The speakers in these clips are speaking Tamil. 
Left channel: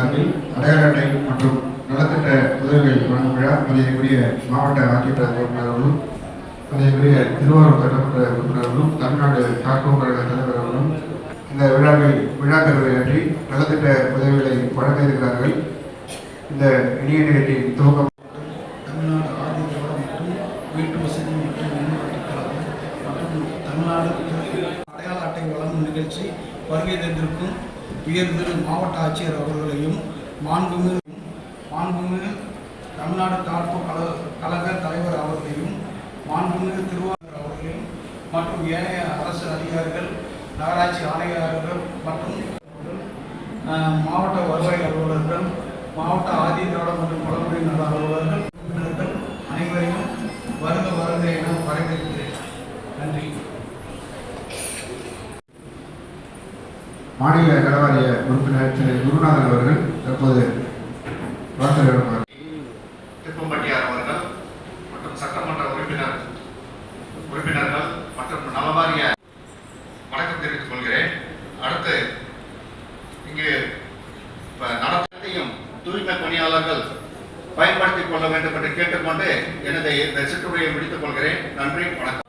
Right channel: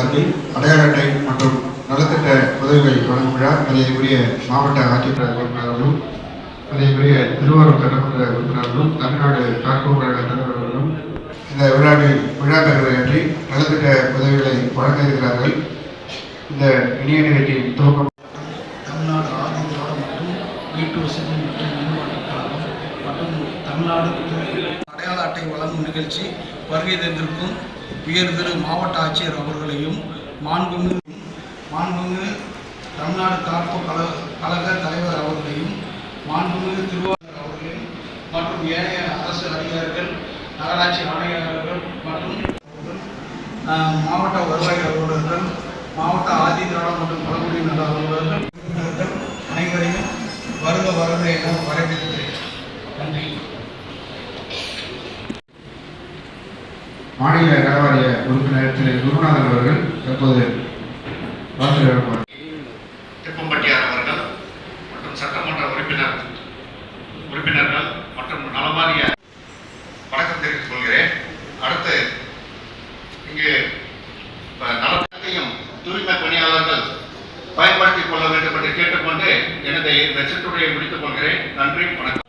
சார்பில் அடையாள அட்டை மற்றும் நலத்திட்ட உதவிகள் வழங்கும் விழா மரியாதைக்குரிய மாவட்ட ஆட்சித்தலைவர் உறுப்பினர்களும் மரியாதைக்குரிய திருவாரூர் சட்டமன்ற உறுப்பினர்களும் தமிழ்நாடு கார்கோ கழக தலைவர்களும் இந்த விழா கருவையாற்றி நலத்திட்ட உதவிகளை வழங்க இருக்கிறார்கள். இந்த இனிய நிகழ்ச்சியின் துவக்கம் தமிழ்நாடு ஆதிதிராவிட மற்றும் வீட்டு வசதி மற்றும் மேம்பாட்டுக் கழகம் மற்றும் தமிழ்நாடு அடையாள அட்டை வழங்கும் நிகழ்ச்சி வருகை தந்திருக்கும் உயர்திரு மாவட்ட ஆட்சியர் அவர்களையும் மாண்புமிகு தமிழ்நாடு கார்கோ கழக தலைவர் அவர்களையும் மாண்புமிகு திருவாரூர் அவர்களையும் மற்றும் ஏனைய அரசு அதிகாரிகள் நகராட்சி ஆணையாளர்கள் மற்றும் மாவட்ட வருவாய் அலுவலர்கள் மாவட்ட ஆதிதிராவிட மற்றும் பழங்குடியினர் அலுவலர்கள் அனைவரையும் வருக என வரவேற்கிறேன். நன்றி. மாநில நலவாரிய உறுப்பினர் திரு குருநாதன் அவர்கள் தற்போது திப்பம்பட்டியார் அவர்கள் மற்றும் சட்டமன்ற உறுப்பினர்கள் மற்றும் நலவாரிய வணக்கம் தெரிவித்துக் கொள்கிறேன். அடுத்து இங்கு நலத்தையும் தூய்மை பணியாளர்கள் பயன்படுத்திக் கொள்ள வேண்டும் என்று கேட்டுக்கொண்டு எனது இந்த சிற்றுரையை முடித்துக் கொள்கிறேன். நன்றி, வணக்கம்.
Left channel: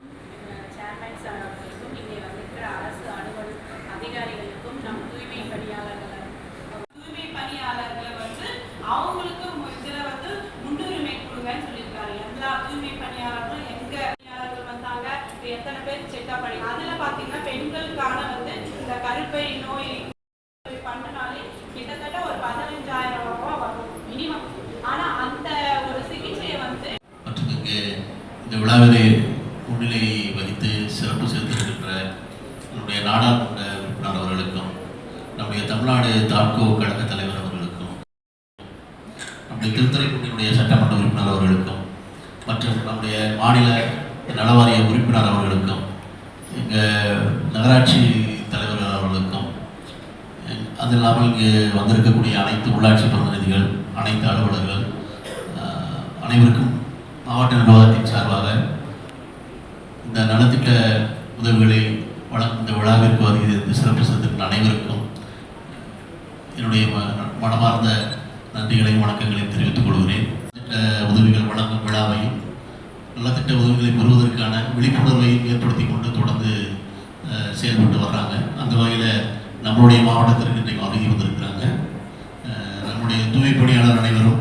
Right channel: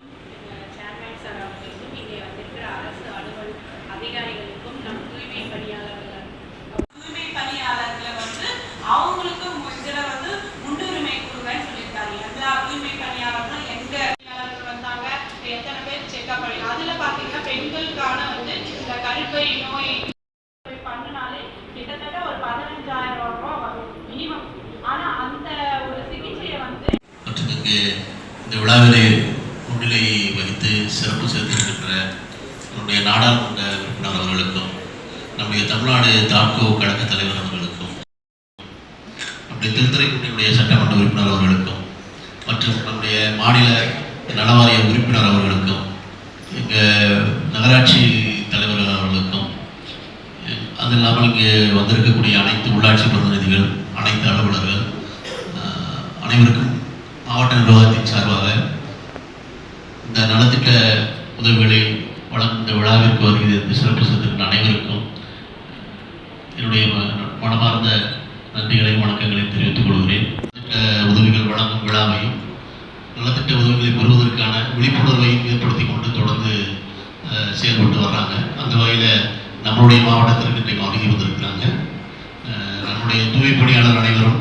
பெண்களுக்கான இந்த கருப்பை நோய் பண்ணனாலே கிட்டத்தட்ட ஒரு 15,000 ரூபாய் வரும் மினிமம். ஆனா அந்த ஒரு சிகிச்சையை மற்றும் இங்கு இந்த விழாவிலே முன்னிலை வகித்து சிறப்பு சேர்த்திருக்கின்ற நம்முடைய நாடாளுமன்ற உறுப்பினர் அவர்களுக்கும் நம்முடைய தமிழ்நாடு தாட்கோ கழக தலைவர் அவர்களுக்கும் நம்முடைய திருத்துறைப்பூண்டியுடைய சட்டமன்ற உறுப்பினர் அவர்களுக்கும் மற்றும் நம்முடைய மாநில நலவாரிய உறுப்பினர் அவர்களுக்கும் எங்கள் நகராட்சி தலைவர் அவர்களுக்கும் அது இல்லாமல் இங்கு வந்திருக்கக்கூடிய அனைத்து உள்ளாட்சி பிரதிநிதிகள் அனைத்து அலுவலர்கள் அனைவருக்கும் மாவட்ட நிர்வாகத்தின் சார்பாக இந்த நலத்திட்ட உதவிகளை வழங்கும் இந்த விழாவிற்கு வருகிறது சிறப்பு சேர்த்திருக்கிற அனைவருக்கும் என்னுடைய மனமார்ந்த நன்றிகளையும் வணக்கங்களையும் தெரிவித்துக் கொள்கிறேன். உதவிகள் வழங்கும் விழாவையும் நலத்திட்ட உதவிகளை பெறுவதற்கான விழிப்புணர்வையும் ஏற்படுத்தி கொண்டு தொடர்ந்து செயல்பட்டு வர்றாங்க. அந்த வகையில் நம்மளுடைய மாவட்டத்திற்கு இன்றைக்கு வருகை வந்திருக்கிறாங்க. நம்முடைய தூய்மை பணியாளர் அனைவரும்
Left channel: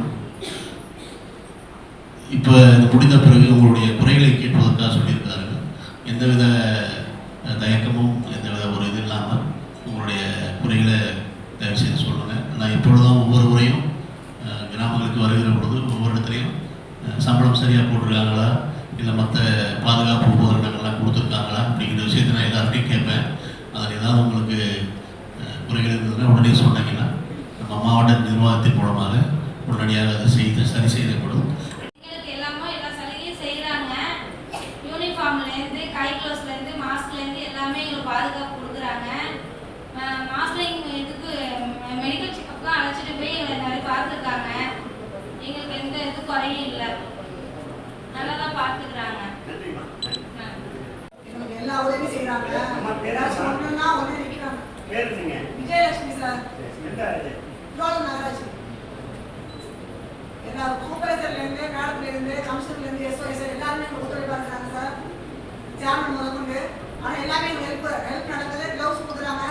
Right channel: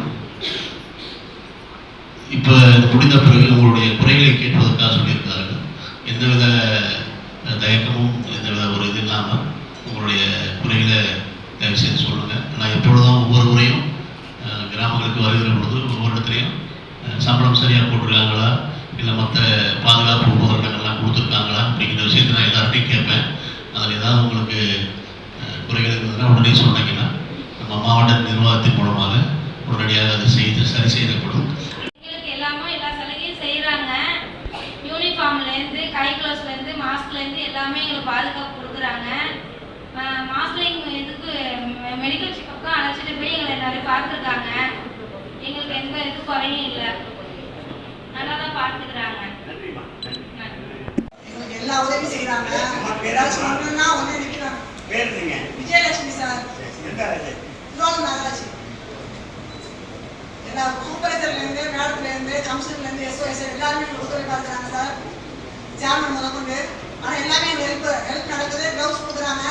இப்போ இது முடிந்த பிறகு உங்களுடைய குறைகளை கேட்பதற்காக சொல்லியிருக்கிறார்கள். எந்தவித தயக்கமும் எந்தவித ஒரு இது இல்லாமல் உங்களுடைய குறைகளை தயவு செய்து சொல்லுங்கள். நான் எப்பொழுதும் ஒவ்வொரு முறையும் கிராமங்களுக்கு வருகிற பொழுது ஒவ்வொரு இடத்துலையும் சம்பளம் சரியாக போட்டிருக்காங்களா, இல்லை மற்ற பாதுகாப்பு உபகரணங்கள்லாம் கொடுத்துருக்காங்களா அப்படிங்கிற விஷயத்தை நான் எல்லார்ட்டையும் கேட்பேன். அதில் ஏதாவது உங்களுக்கு குறைகள் இருந்ததுன்னா உடனே சொன்னீங்கன்னா நம்ம மாவட்ட நிர்வாகத்தின் மூலமாக உடனடியாக அதை சரி செய்யப்படும். எல்லா சலுகையும் செய்கிறாங்க. யூனிஃபார்ம்லேருந்து கை க்ளவுஸ்லேருந்து மாஸ்க்லேருந்து எல்லாமே எங்களுக்கு பாதுகாப்பு கொடுக்குறாங்க. மாஸ்க் இதுக்கு மெடிக்கல் செக்கப்புக்கும் அழைச்சிட்டு போய் எங்களை நிறைய பார்த்துருக்காங்க. எங்களுக்கு எந்த இது குறையும் இல்லை, நல்லா தான் பார்த்துக்கிறாங்க. எல்லா உதவியும் செய்யறாங்க. ஏதாச்சும் பண்ணணும்னா உடனே நிற்கிறாங்க. விஜயலட்சுமி சார், திருவாரூர் நகராட்சி எல்லா சூப்பர்வைசர்லேருந்து மேடத்துலேருந்து கமிஷன்லேருந்து எஸ்ஓஎஸ் எல்லாருமே எங்களுக்கு உதவி பார்க்குறாங்க சார். சேர்மன் முதற்கொண்டு ஆனால் எல்லாமே ஹெல்ப் நடக்குது. க்ளவுஸ் கொடுக்குறாங்க.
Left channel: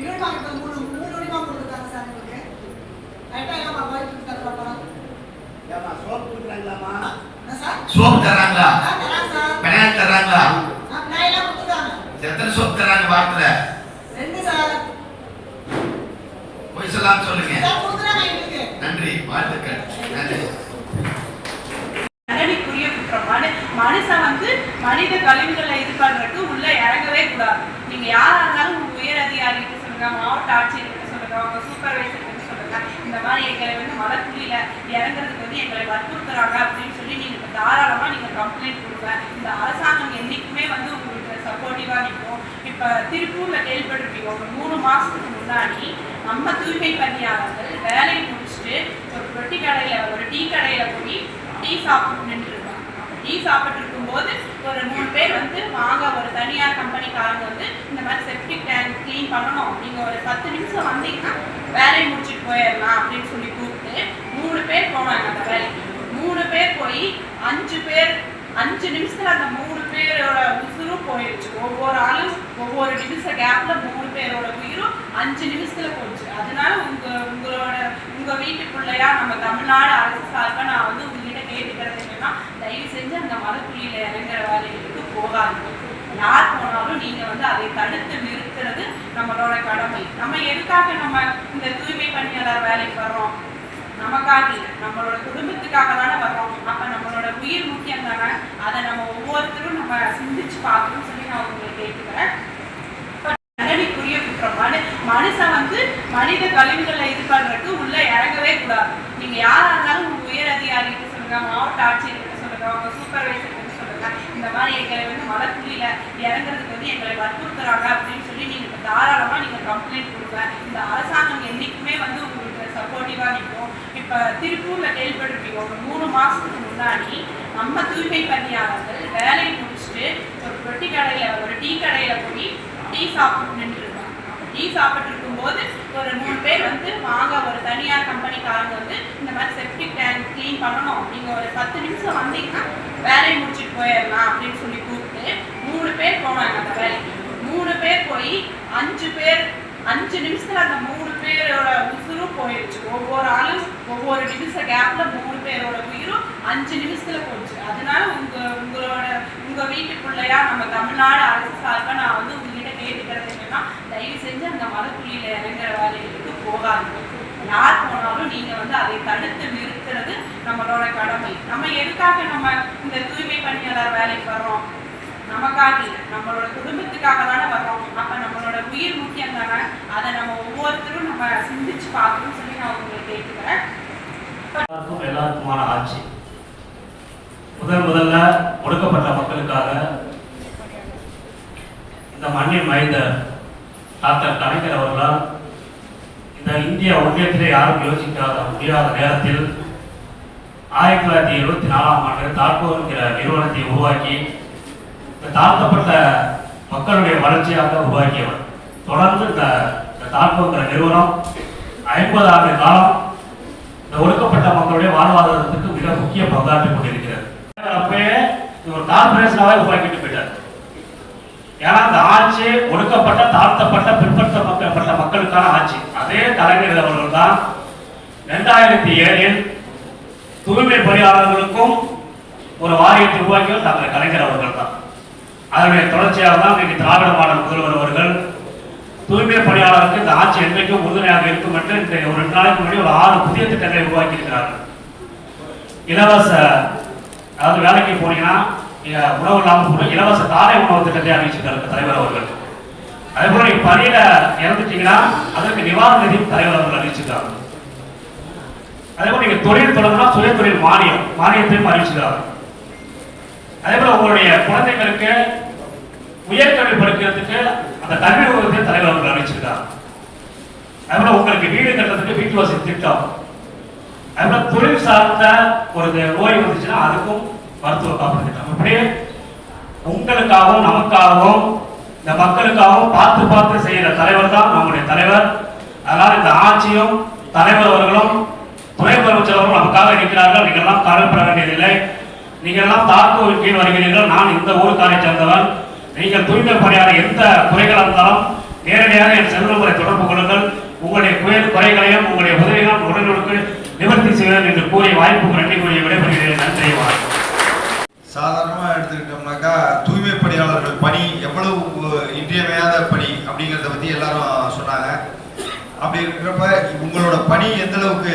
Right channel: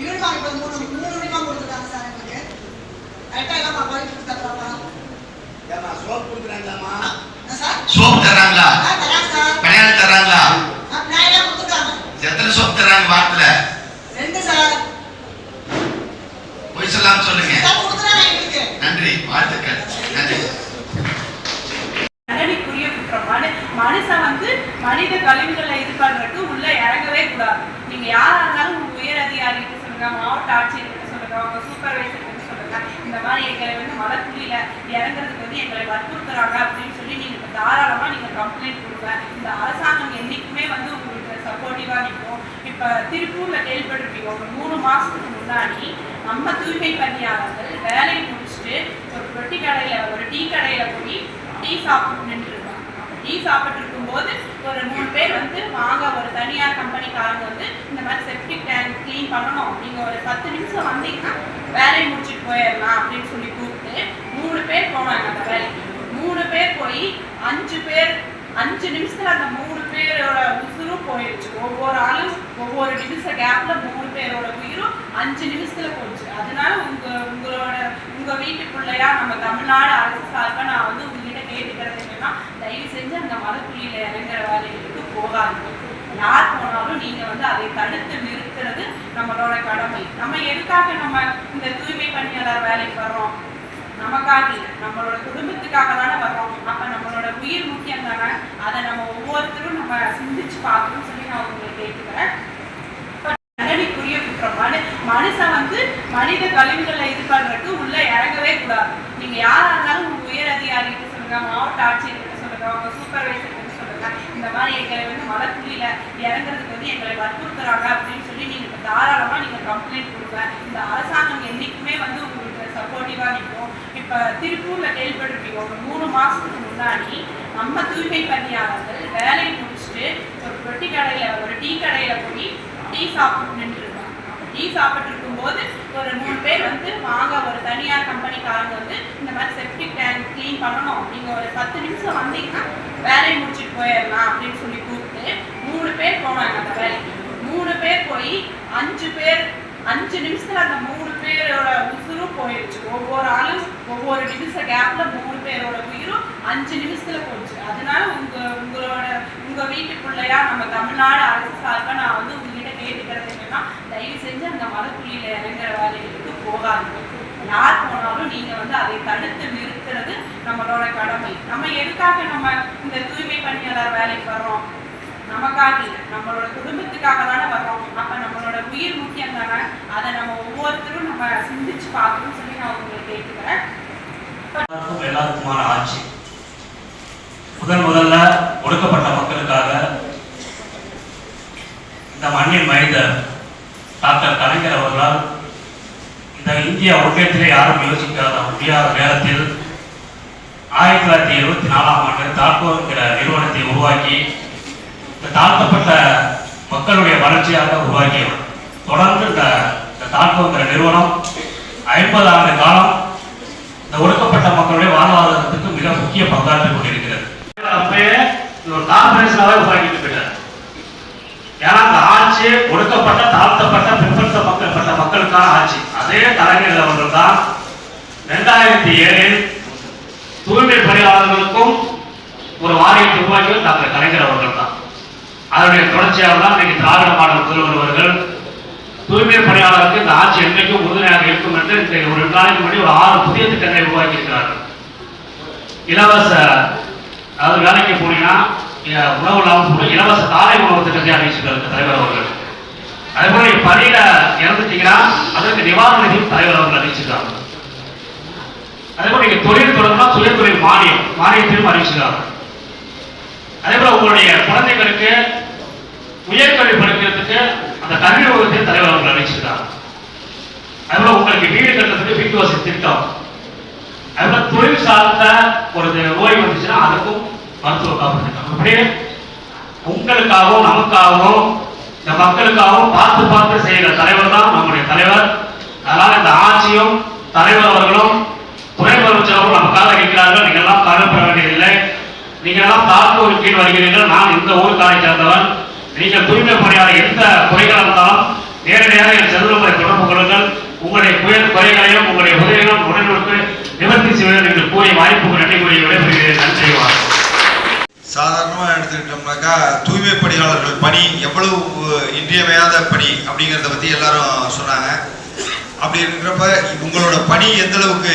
யூனிஃபார்ம் இப்போ மூணு யூனிஃபார்ம் கொடுத்துருக்காங்க சார். எங்களுக்கு கரெக்டாக எல்லாம் பாதிட்டு தர்றாப்பா. சோப் கொடுக்குறாங்களாமா சார்? சோப் தராங்களா? தராங்க சார். பணியாளர் தராங்களா? நாயெல்லாம் கொடுத்துருக்காங்க. எத்தனை சோப் தராங்க வாரத்துல? 2 சார். போய் சொல்லாம சொல்லுங்க. கொடுக்குறாங்க எங்களுக்கு. நன்றி, வாழ்த்துக்கள். நன்றி. தண்டனைக்குரிய குற்றம். மனுஷன் மனித கழிவுகளை இது பண்றதுக்கு உள்ள இறங்கவே கூடாது. நீங்க யாரா இருந்தாலும் உங்க உயர் அதிகாரிகிட்ட சொல்லுங்க, மாவட்ட ஆட்சியர்கிட்ட சொல்லுங்க, உங்க சூப்பர்வைசர் சொல்லுங்க. இந்த மாதிரி எங்களை மலைக்குழியில இறங்குறதுக்கு எங்களை வற்புறுத்துறாங்க அப்படின்னு சொல்லி நீங்க தாராளமா நீங்க கம்ப்ளைண்ட் கொடுங்க. இந்த அரசாங்கம் என்னைக்குமே உங்களுக்கு சப்போர்ட்டிவா நிற்கும். இப்ப திருப்பூர்ல கேள்விப்பட்டிருப்பீங்க, ஒரு 3 மாசத்துக்கு முன்னாடி நம்ம தூய்மை பணியாளர்கள் வேலையை முடிச்சுட்டு ஒரு டீ கடையில போய் டீ சாப்பிட்டு நின்றுருக்காங்க. டீ சாப்பிட்டு இருக்கும்போது ஒரு 3 பேர் வந்து வாங்க, ஒரு தனியார் கம்பெனிக்காரங்க வந்து இந்த மாதிரி செப்டிக் டேங்க் க்ளீன் பண்ணணும், நீங்கள் ஒரு 10 நிமிஷம் வந்தீங்கன்னா வேலையை முடிச்சுட்டு போயிடலாம் அப்படின்னு சொல்லி கூப்பிட்டு 3 பேர் போனாங்க அந்த வேலைக்கு. 3 பேர் போய் 5 நிமிஷத்துல அந்த 3 பேரோட உசுரும் போயிடுச்சு. ஒவ்வொரு ஆளும் ஒவ்வொரு நிமிஷ கேப்ல 3 பேரோட உயிரும் 5 நிமிஷத்துல போச்சு. அதனால உங்க வீட்டுக்குள்ளையா நம்ம தமிழ்நாடு அரசு சார்பா நான் வந்து உங்ககிட்ட கேட்டுக்கிறது என்னன்னா, தயவு செஞ்சு அந்த மலைக்குழியில இறங்குற வேலைகளுக்கு போகாதீங்க. யார் போனாலும் நீங்க வந்து அதை தடுத்து நிறுத்துறது நம்மளோட கடமை. நம்ம எதுக்காக நம்ம இந்த தூய்மை பணியாளர் வேலைக்கு வர்றோம்? நமக்காக இல்லை, நம்மளோட குடும்பத்துக்காக தானே வர்றோம். அப்ப நம்மளோட உயிர் முக்கியம் தானே. அதை நம்ம ஒவ்வொருத்தரும் நம்ம சிந்திச்சு பார்க்கணும்னு சொல்லி நான் உங்களை கேட்டுக்கிறேன். தண்டனைக்குரிய குற்றம். மனுஷன் வந்து மனித கழிவுகளை இது பண்றதுக்கு உள்ள இறங்கவே கூடாது. நீங்க யாரா இருந்தாலும் உங்க உயர் அதிகாரிகிட்ட சொல்லுங்க, மாவட்ட ஆட்சியர்கிட்ட சொல்லுங்க, உங்க சூப்பர்வைசர் சொல்லுங்க, இந்த மாதிரி எங்களை வந்து மலைக்குழியில இறங்குறதுக்கு வந்து எங்களை வற்புறுத்துறாங்க அப்படின்னு சொல்லி நீங்க தாராளமா நீங்க கம்ப்ளைண்ட் கொடுங்க. இந்த அரசாங்கம் என்னைக்குமே வந்து உங்களுக்கு சப்போர்ட்டிவா நிற்கும். இப்ப திருப்பூர்ல கேள்விப்பட்டிருப்பீங்க, ஒரு 3 மாசத்துக்கு முன்னாடி நம்ம தூய்மை பணியாளர்கள் வேலையை முடிச்சுட்டு ஒரு ரொட்டி கடையில, ஒரு டீ கடையில போய் டீ சாப்பிட்டு நின்றுருக்காங்க. டீ சாப்பிட்டு இருக்கும்போது ஒரு 3 பேர் வந்து வாங்க, ஒரு தனியார் கம்பெனிக்காரங்க வந்து இந்த மாதிரி செப்டிக் டேங்க் க்ளீன் பண்ணணும், நீங்க ஒரு 10 நிமிஷம் வந்தீங்கன்னா வேலையை முடிச்சுட்டு போயிடலாம் அப்படின்னு சொல்லி கூப்பிட்டு 3 பேர் போனாங்க அந்த வேலைக்கு. 3 பேர் போய் 5 நிமிஷத்துல அந்த 3 பேரோட உசுரும் போயிடுச்சு. ஒவ்வொரு ஆளும் ஒவ்வொரு நிமிஷ கேப்ல 3 பேரோட உயிரும் 5 நிமிஷத்துல போச்சு. அதனால உங்க வீட்டுக்குள்ளையா நம்ம தமிழ்நாடு அரசு சார்பா நான் வந்து உங்ககிட்ட கேட்டுக்கிறது என்னன்னா, தயவு செஞ்சு அந்த மலைக்குழியில இறங்குற வேலைகளுக்கு போகாதீங்க. யார் போனாலும் நீங்க வந்து அதை தடுத்து நிறுத்துறது நம்மளோட கடமை. நம்ம எதுக்காக நம்ம இந்த தூய்மை பணியாளர் வேலைக்கு வர்றோம்? நமக்காக இல்லை, நம்மளோட குடும்பத்துக்காக தானே வர்றோம். அப்ப நம்மளோட உயிர் முக்கியம் தானே. அதை நம்ம ஒவ்வொருத்தரும் நம்ம சிந்திச்சு பார்க்கணும்னு சொல்லி நான் உங்களை கேட்டுக்கிறேன். எல்லாருக்குமான ஆட்சி. முதல்ல ஒடுக்கப்பட்ட மக்களுக்காக இந்த மண்ணின் மைந்தர் டாக்டர் கலைஞர் அவர்களால் இந்த இந்திய ஒன்றியத்திலே யாரும் யோசிக்காத முடியாத நேரத்தில் 1974ஆம் ஆண்டு தாக்கூர் என்கிற நிறுவனத்தை உருவாக்கி இந்த தாழ்த்தப்பட்ட மக்களுடைய வளர்ச்சியாக உருவாக்கியவர். தொடர்ந்து இந்த தாக்கூர் நிறுவனம் 50 ஆண்டு காலம் இந்த ஒடுக்கப்பட்ட மக்களுடைய வாழ்வாதாரத்துக்கு மிக முக்கிய பங்காற்றிக் கொண்டிருக்கிறது. அப்பயே ஒரு கார்பரேஷனாக உருவாக்கிட்டு இருக்காரு. ஏன்னா அந்த ஆட்சி ஒடுக்கப்பட்ட தாழ்த்தப்பட்ட பிற்படுத்தப்பட்ட மக்களுக்கான ஆட்சி. அதே கலைஞர் அவர்கள் தான் 2007இல் தூய்மை பணியாளர்களுக்கும் ஒரு வாரியத்தை உருவாக்கியவர் டாக்டர் கலைஞர் அவர்கள் தான். அதனுடைய தொடர்ச்சியாக தான் இன்னைக்கு திராவிட மாடல் முதல்வர் அவர்கள் தூய்மை பணியாளருக்கு இந்த ஆட்சி என்றைக்கும் உறுதுணையாக இருக்கும் என்று இந்த ஒரு 2 நாளைக்கு முன்னாடி ஒரு 6 புதிய திட்டங்களை உருவாக்கி இருக்கிறார்கள். இலவச, அதாவது வேலைக்கு போனீங்கன்னா உணவு இல்லாமல் இலவச காலை உணவு திட்டத்தை அறிவிச்சிருக்காரு தலைவர் அவர்கள். அதே போல பணியில இறந்துட்டீங்கன்னா அதற்கு நிவாரண நிதியும் தலைவர் அவர்கள் அறிவிச்சிருக்காங்க. அதே போல நீங்க தொழில் தொடர்புனா சுய தொழில் மானியத்தையும் அறிவிச்சிருக்காங்க. அதே போல உங்களுடைய குழந்தைகளுக்கு உயர்கல்வி படிக்கிறதுக்கு அந்த கல்வி உதவியை தலைவர் அவர்கள் அறிவிச்சிருக்காங்க. அதே போல உங்களுக்கு வீடு கட்டுறதுக்கு வீட்டு வசதி திட்டம். அதே போல தொழில் சார்ந்த ஒரு நோய் வந்துச்சுன்னா அதுக்கும் மருத்துவ காப்பீடு திட்டம். அப்படியே உங்களுக்காகவும் நமக்காகவும் இந்த மக்களுக்காகவும் பார்த்து செய்கிற தலைவர் தான் நம்முடைய தலைவர். அதனால இந்த ஆட்சியும் தலைவர் அவர்களும் துணை முதலமைச்சர் அவர்களும் நமக்காக இருக்கிறார்கள். நீங்கள் எல்லாம் கவலைப்பட வேண்டியதில்லை. நீங்கள் எல்லாம் தாழ்த்தூர் கீழ் வருகிறீர்கள். நான் இந்த ஊருக்காரை சேர்ந்தவன். நீங்கள் தூய்மை பணியாளர் எந்த குறைகள் இருந்தாலும் நேரடியாக என் செல்வமுறை தொடர்பு கொள்ளுங்கள். உங்களுடைய குறைகளையும் உங்களுடைய உதவிகளும் உடனுக்கு நிவர்த்தி செய்வேன் என்று கூறிய வாய்ப்புக்கு நன்றி கூறி விடைபெறுகிறேன். நன்றி. சாதாரணமாக எடுத்துக்கிட்டோம்னாக்கா தூய்மை பணியாளர்கள் பணி எவ்வளவு இன்றியமையாத பணி அப்படிங்கிறத பற்றி எல்லாரும் சொன்னாங்க. அப்படி இருக்கிறப்ப உங்களோட பணி எந்த அளவுக்கு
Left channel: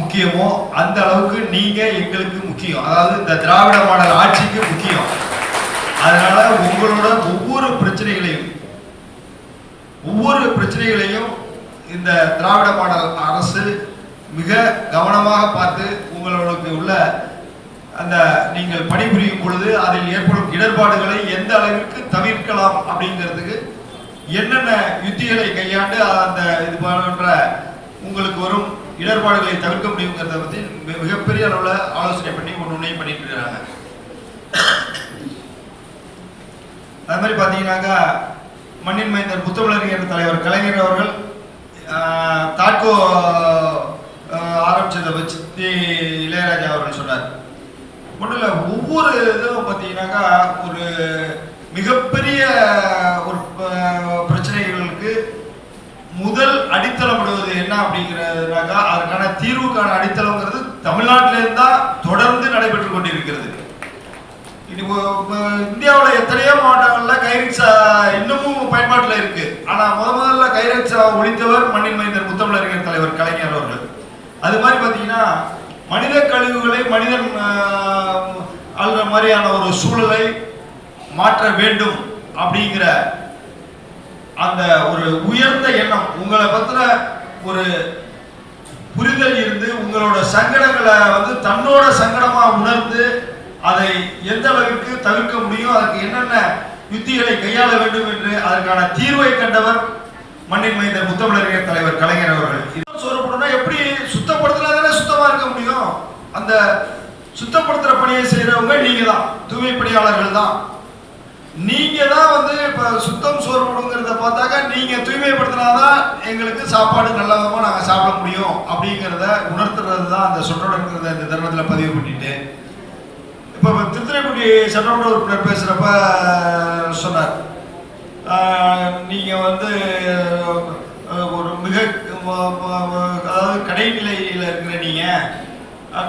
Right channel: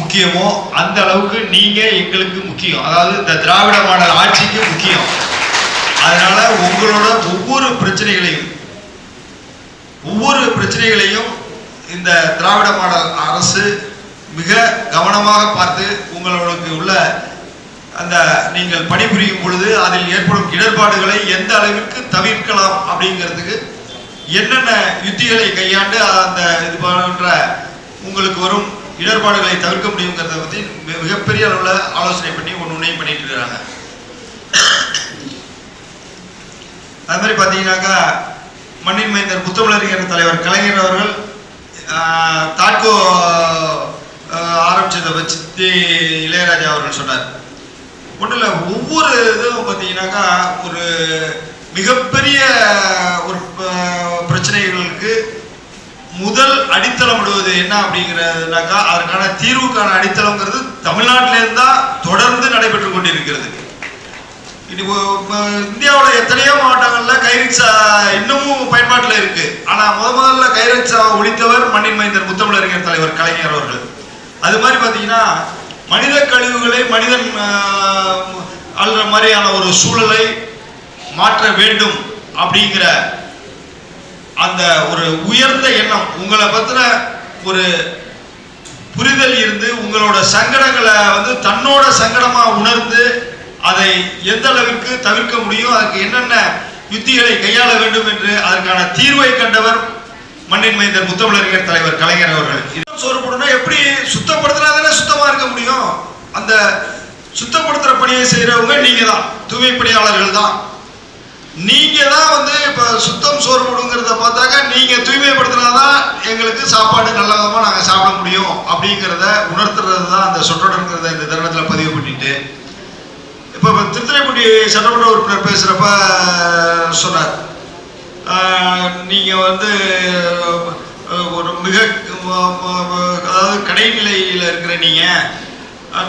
முக்கியமோ அந்த அளவுக்கு நீங்கள் எங்களுக்கு முக்கியம். அதாவது இந்த திராவிட மாடல் ஆட்சிக்கு முக்கியம். அதனால உங்களோட ஒவ்வொரு பிரச்சனைகளையும் இந்த திராவிட மாடல் அரசு மிக கவனமாக பார்த்து உங்களுக்கு உள்ள அந்த நீங்கள் பணிபுரியும் பொழுது அதில் ஏற்படும் இடர்பாடுகளை எந்த அளவிற்கு தவிர்க்கலாம் அப்படிங்கிறதுக்கு என்னென்ன யுத்திகளை கையாண்டு அந்த இது போன்ற உங்களுக்கு வரும் இடர்பாடுகளை தவிர்க்க முடியுங்கிறத பற்றி மிகப்பெரிய அளவில் ஆலோசனை பண்ணி ஒன்றையும் பண்ணிட்டு இருக்கிறாங்க. அது மாதிரி பார்த்தீங்கன்னாக்கா மண்ணின் மைந்தர் முத்தமிழறிஞர் தலைவர் கலைஞர் அவர்கள் தாட்கோ ஆரம்பிச்சதை வச்சு இளையராஜா அவர்கள் சொன்னார். ஒன்றும் இல்லை, ஒவ்வொரு இதுவும் பார்த்தீங்கன்னாக்கா ஒரு மிகப்பெரிய ஒரு பிரச்சனைகளுக்கு முதல் அடித்தளமிடுவது என்ன அப்படிங்கிறதுனாக்கா அதற்கான தீர்வுக்கான அடித்தளங்கிறது தமிழ்நாட்டிலேருந்து தான் தொடர்ந்து நடைபெற்று கொண்டிருக்கிறது. இந்தியாவில் எத்தனையோ மாவட்டங்களில் கைரிக்ஷா இன்னமும் பயன்பாட்டில் இருக்கு. ஆனால் முதல்ல கைரிக்ஷாவை ஒழித்தவர் மண்ணின் மைந்தர் முத்தமிழறிஞர் தலைவர் கலைஞர் அவர்கள். அது மாதிரி பார்த்தீங்கன்னா மனித கழிவுகளை மனிதன் அல்ற மாதிரியான ஒரு சூழலை மாற்ற வேண்டும் அப்படிங்கிற அந்த ஒரு உயர்ந்த எண்ணம், உங்களை பற்றின ஒரு புரிதல் இருந்து உங்களோட சங்கடங்களை தன்னோட சங்கடமாக உணர்ந்து அதை எந்த அளவிற்கு தவிர்க்க முடியும், அதற்கு என்னென்ன யுத்திகளை கையாள வேண்டும் என்று அதற்கான தீர்வை கண்டவர் மண்ணின் மைந்தர் முத்தமிழறிஞர் தலைவர் கலைஞர் அவர்கள். இது சோறுபடுனா எப்படி சுத்தப்படுத்தினாதானே சுத்தமா இருக்க முடியும். அந்த சுத்தப்படுத்துற பணியை செய்யறவங்க நீங்க தான், தூய்மை பணியாளர்கள் தான். நீங்க தான் இப்ப சுத்தம் சோறுபடுங்கிறத பார்த்தாக்க நீங்க தூய்மைப்படுத்தினாதான் எங்களுக்கு சாப்பாடு நல்ல விதமா நாங்க சாப்பிட முடியும் அப்படிங்கிறத உணர்த்துறது தான் அந்த சொற்றொடர்ங்கிறத இந்த தருணத்துல பதிவு பண்ணிட்டு, இப்போ திருத்துறைப்பூண்டி சட்டமன்ற உறுப்பினர் பேசுகிறப்ப சொன்னார், நீங்கள் ஒரு மிக அதாவது கடைநிலையில் இருக்கிற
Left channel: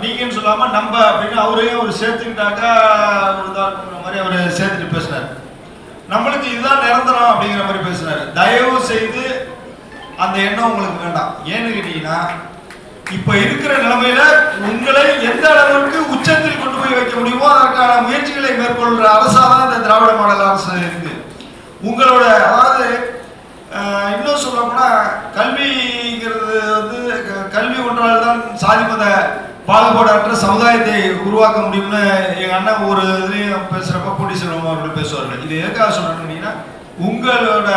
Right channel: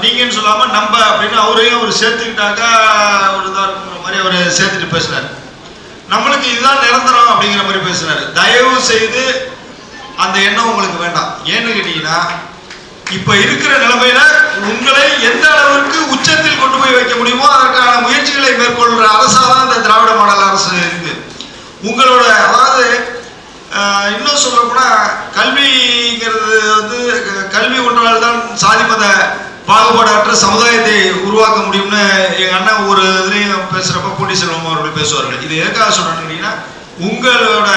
நீங்கன்னு சொல்லாமல் நம்ம அப்படின்னு அவரையும் அவர் சேர்த்துக்கிட்டாக்கா ஒரு இதாகிற மாதிரி அவர் சேர்த்துட்டு பேசினார். நம்மளுக்கு இதுதான் நிரந்தரம் அப்படிங்கிற மாதிரி பேசினார். தயவு செய்து அந்த எண்ணம் உங்களுக்கு வேண்டாம். ஏன்னு கேட்டீங்கன்னா இப்ப இருக்கிற நிலைமையில உங்களை எந்த அளவுக்கு உச்சத்தில் கொண்டு போய் வைக்க முடியுமோ அதற்கான முயற்சிகளை மேற்கொள்ற அரசாதான் இந்த திராவிட மாடல் அரசு இருக்கு. உங்களோட அதாவது இன்னும் சொல்ல போனா கல்விங்கிறது கல்வி ஒன்றால் தான் சாதி மத பாகுபாடற்ற சமுதாயத்தை உருவாக்க முடியும்னு எங்க அண்ணன் ஒரு இதுலையும் பேசுறப்ப பூண்டி செல்வம் அவர்கள் பேசுவார்கள். இது எதுக்காக சொன்னீங்கன்னா உங்களோட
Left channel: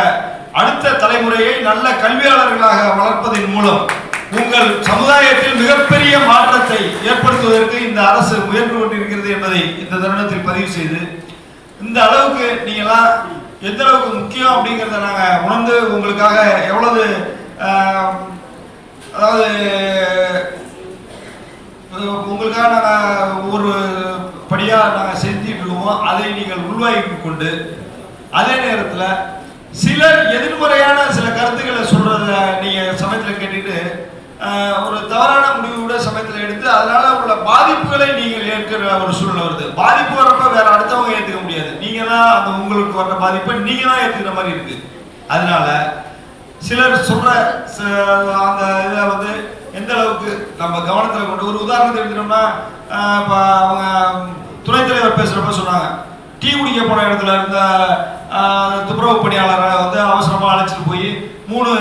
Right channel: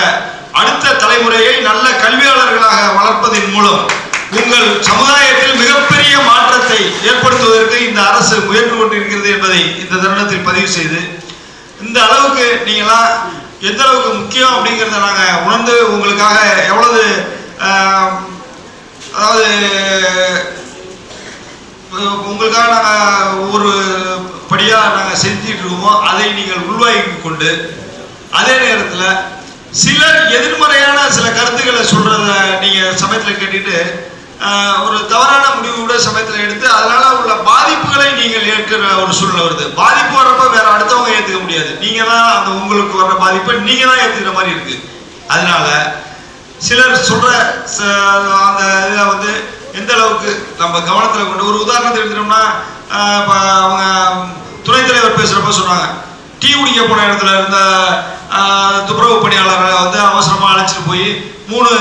அடுத்த தலைமுறையை நல்ல கல்வியாளர்களாக வளர்ப்பதன் மூலம் உங்கள் சமுதாயத்தில் மிகப்பெரிய மாற்றத்தை ஏற்படுத்துவதற்கு இந்த அரசு முயன்று கொண்டிருக்கிறது என்பதை இந்த தருணத்தில் பதிவு செய்து, இந்த அளவுக்கு நீங்களாம் எந்த அளவுக்கு முக்கியம் அப்படிங்கிறத நாங்கள் உணர்ந்து உங்களுக்காக எவ்வளவு அதாவது உங்களுக்காக நாங்கள் ஒவ்வொரு படியாக நாங்கள் செஞ்சுட்டு இருக்கோமோ அதை நீங்கள் உள்வாங்கி கொண்டு, அதே நேரத்தில் சிலர் எதிர்மறையான சில கருத்துக்களை சொல்றத நீங்க சமயத்தில் கேட்டுட்டு ஒரு தவறான முடிவு கூட சமயத்தில் எடுத்து அதனால உள்ள பாதிப்புகளை நீங்கள் ஏற்கிற ஒரு சூழ்நிலை வருது. பாதிப்பு வர்றப்ப வேற அடுத்தவங்க ஏற்றுக்க முடியாது, நீங்க தான் அந்த உங்களுக்கு வர்ற பாதிப்பை நீங்க தான் ஏற்றுக்கிற மாதிரி இருக்கு. அதனால சிலர் சொல்ற அந்த இதை எந்த அளவுக்கு நம்ம கவனத்தில் கொண்டு ஒரு உதாரணத்தை எடுத்துட்டோம்னா இப்போ அவங்க துணைத் தலைவர் பேசுறப்ப சொன்னாங்க, டீ குடிக்க போன இடத்துல இருந்த துப்புரவு பணியாளர்களை அவசரமாக அழைச்சிட்டு போய் 3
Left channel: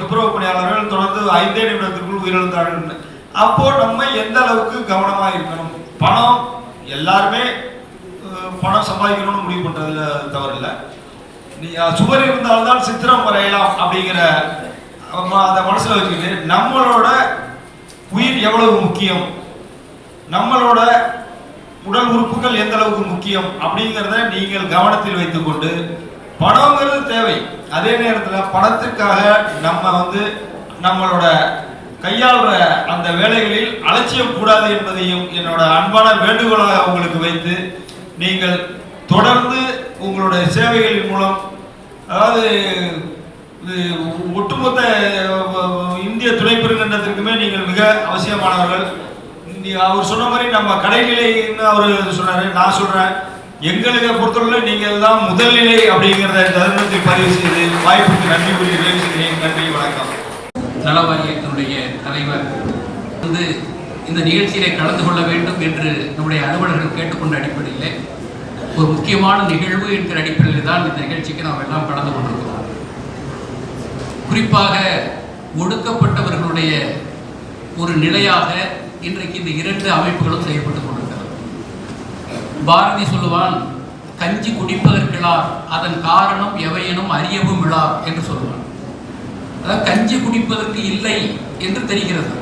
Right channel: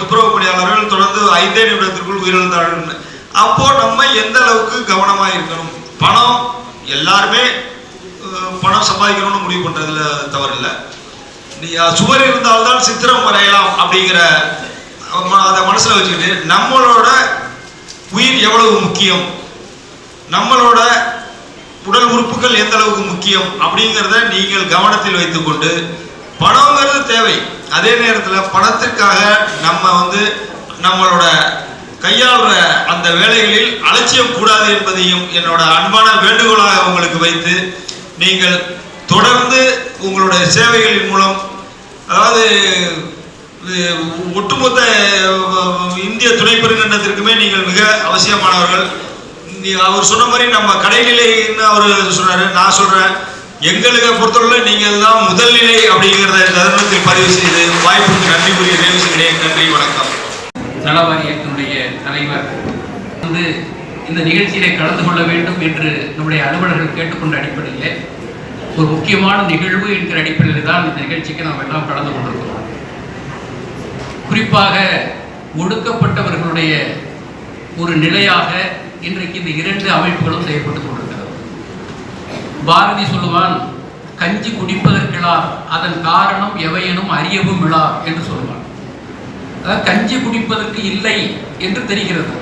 துப்புரவு பணியாளர்கள் தொடர்ந்து 5 நிமிடத்திற்குள் உயிரிழந்தார்கள். அப்போ நம்ம எந்த அளவுக்கு கவனமாக இருக்கணும். பணம் எல்லாருமே பணம் சம்பாதிக்கணும்னு முடிவு பண்றதுல தவறில்லை. நீ சுவர் இருந்தால்தான் சித்திரம் வரையலாம் அப்படிங்கிற அதை மனசுல வச்சுக்கிட்டு நம்மளோட உயிர் எவ்வளவு முக்கியம், நம்மளோட உடல் உறுப்புகள் எந்த அளவுக்கு முக்கியம் அப்படிங்கிறத நீங்கள் கவனத்தில் வைத்துக்கொண்டு, பணங்கிறது தேவை, அதே நேரத்தில் பணத்திற்காக நம்ம நம்மளோட கையாளுற அந்த வேலைகளில் அலட்சியம் கூடாது என்பதையும் என்னோட அன்பான வேண்டுகோளாக உங்களுக்கு வைத்து, நீங்கள் தொடர்ந்து உங்களுடைய சேவைகளின் மூலம் அதாவது ஒட்டுமொத்த இந்திய துணை பெருங்கண்டத்திற்குமே நீங்கள் மிக அவசியமானவர்கள். அவர் சொன்ன மாதிரி நம்ம கடைநிலைன்னு அவர் சொன்னாரு, நான் சொல்றேன் எங்களுக்கு பொறுத்தவரை நீங்கள் தான் முதல் நிலை அப்படிங்கிறத தருணத்தில் பதிவு செய்து வாய்ப்புக்கு நன்றி கூறிய நிகழ்ச்சிகளே. நன்றி, வணக்கம். நல வாரியத்தினுடைய தலைவர் இந்த நிகழ்ச்சியிலே கலந்து கொள்ள வேண்டும் என்று நம்முடைய அலுவலர்கள் கேட்டுக்கொண்ட அடிப்படையில் ஒரு முக்கியமான நிகழ்வு என்கிற அடிப்படையில் தான் இந்த நிகழ்ச்சிக்கு நாம் எல்லாம் கலந்து கொண்டிருக்கிறோம். குறிப்பாக ஒடுக்கப்பட்டவர்களுடைய ஒரு நிலையாக இன்றைக்கு இந்த 2 அமைப்புகளும் செயல்பட்டு கொண்டிருக்கிறது. பாரதி சொல்லுவான், கஞ்சி குடிப்பதற்கிழார் அதன் காரணம் எவையெனும் அறியவும் விழா என்று சொல்லுவான். அதாவது கஞ்சி குடிப்பதற்கு இல்லை என்று தெரிகிறது,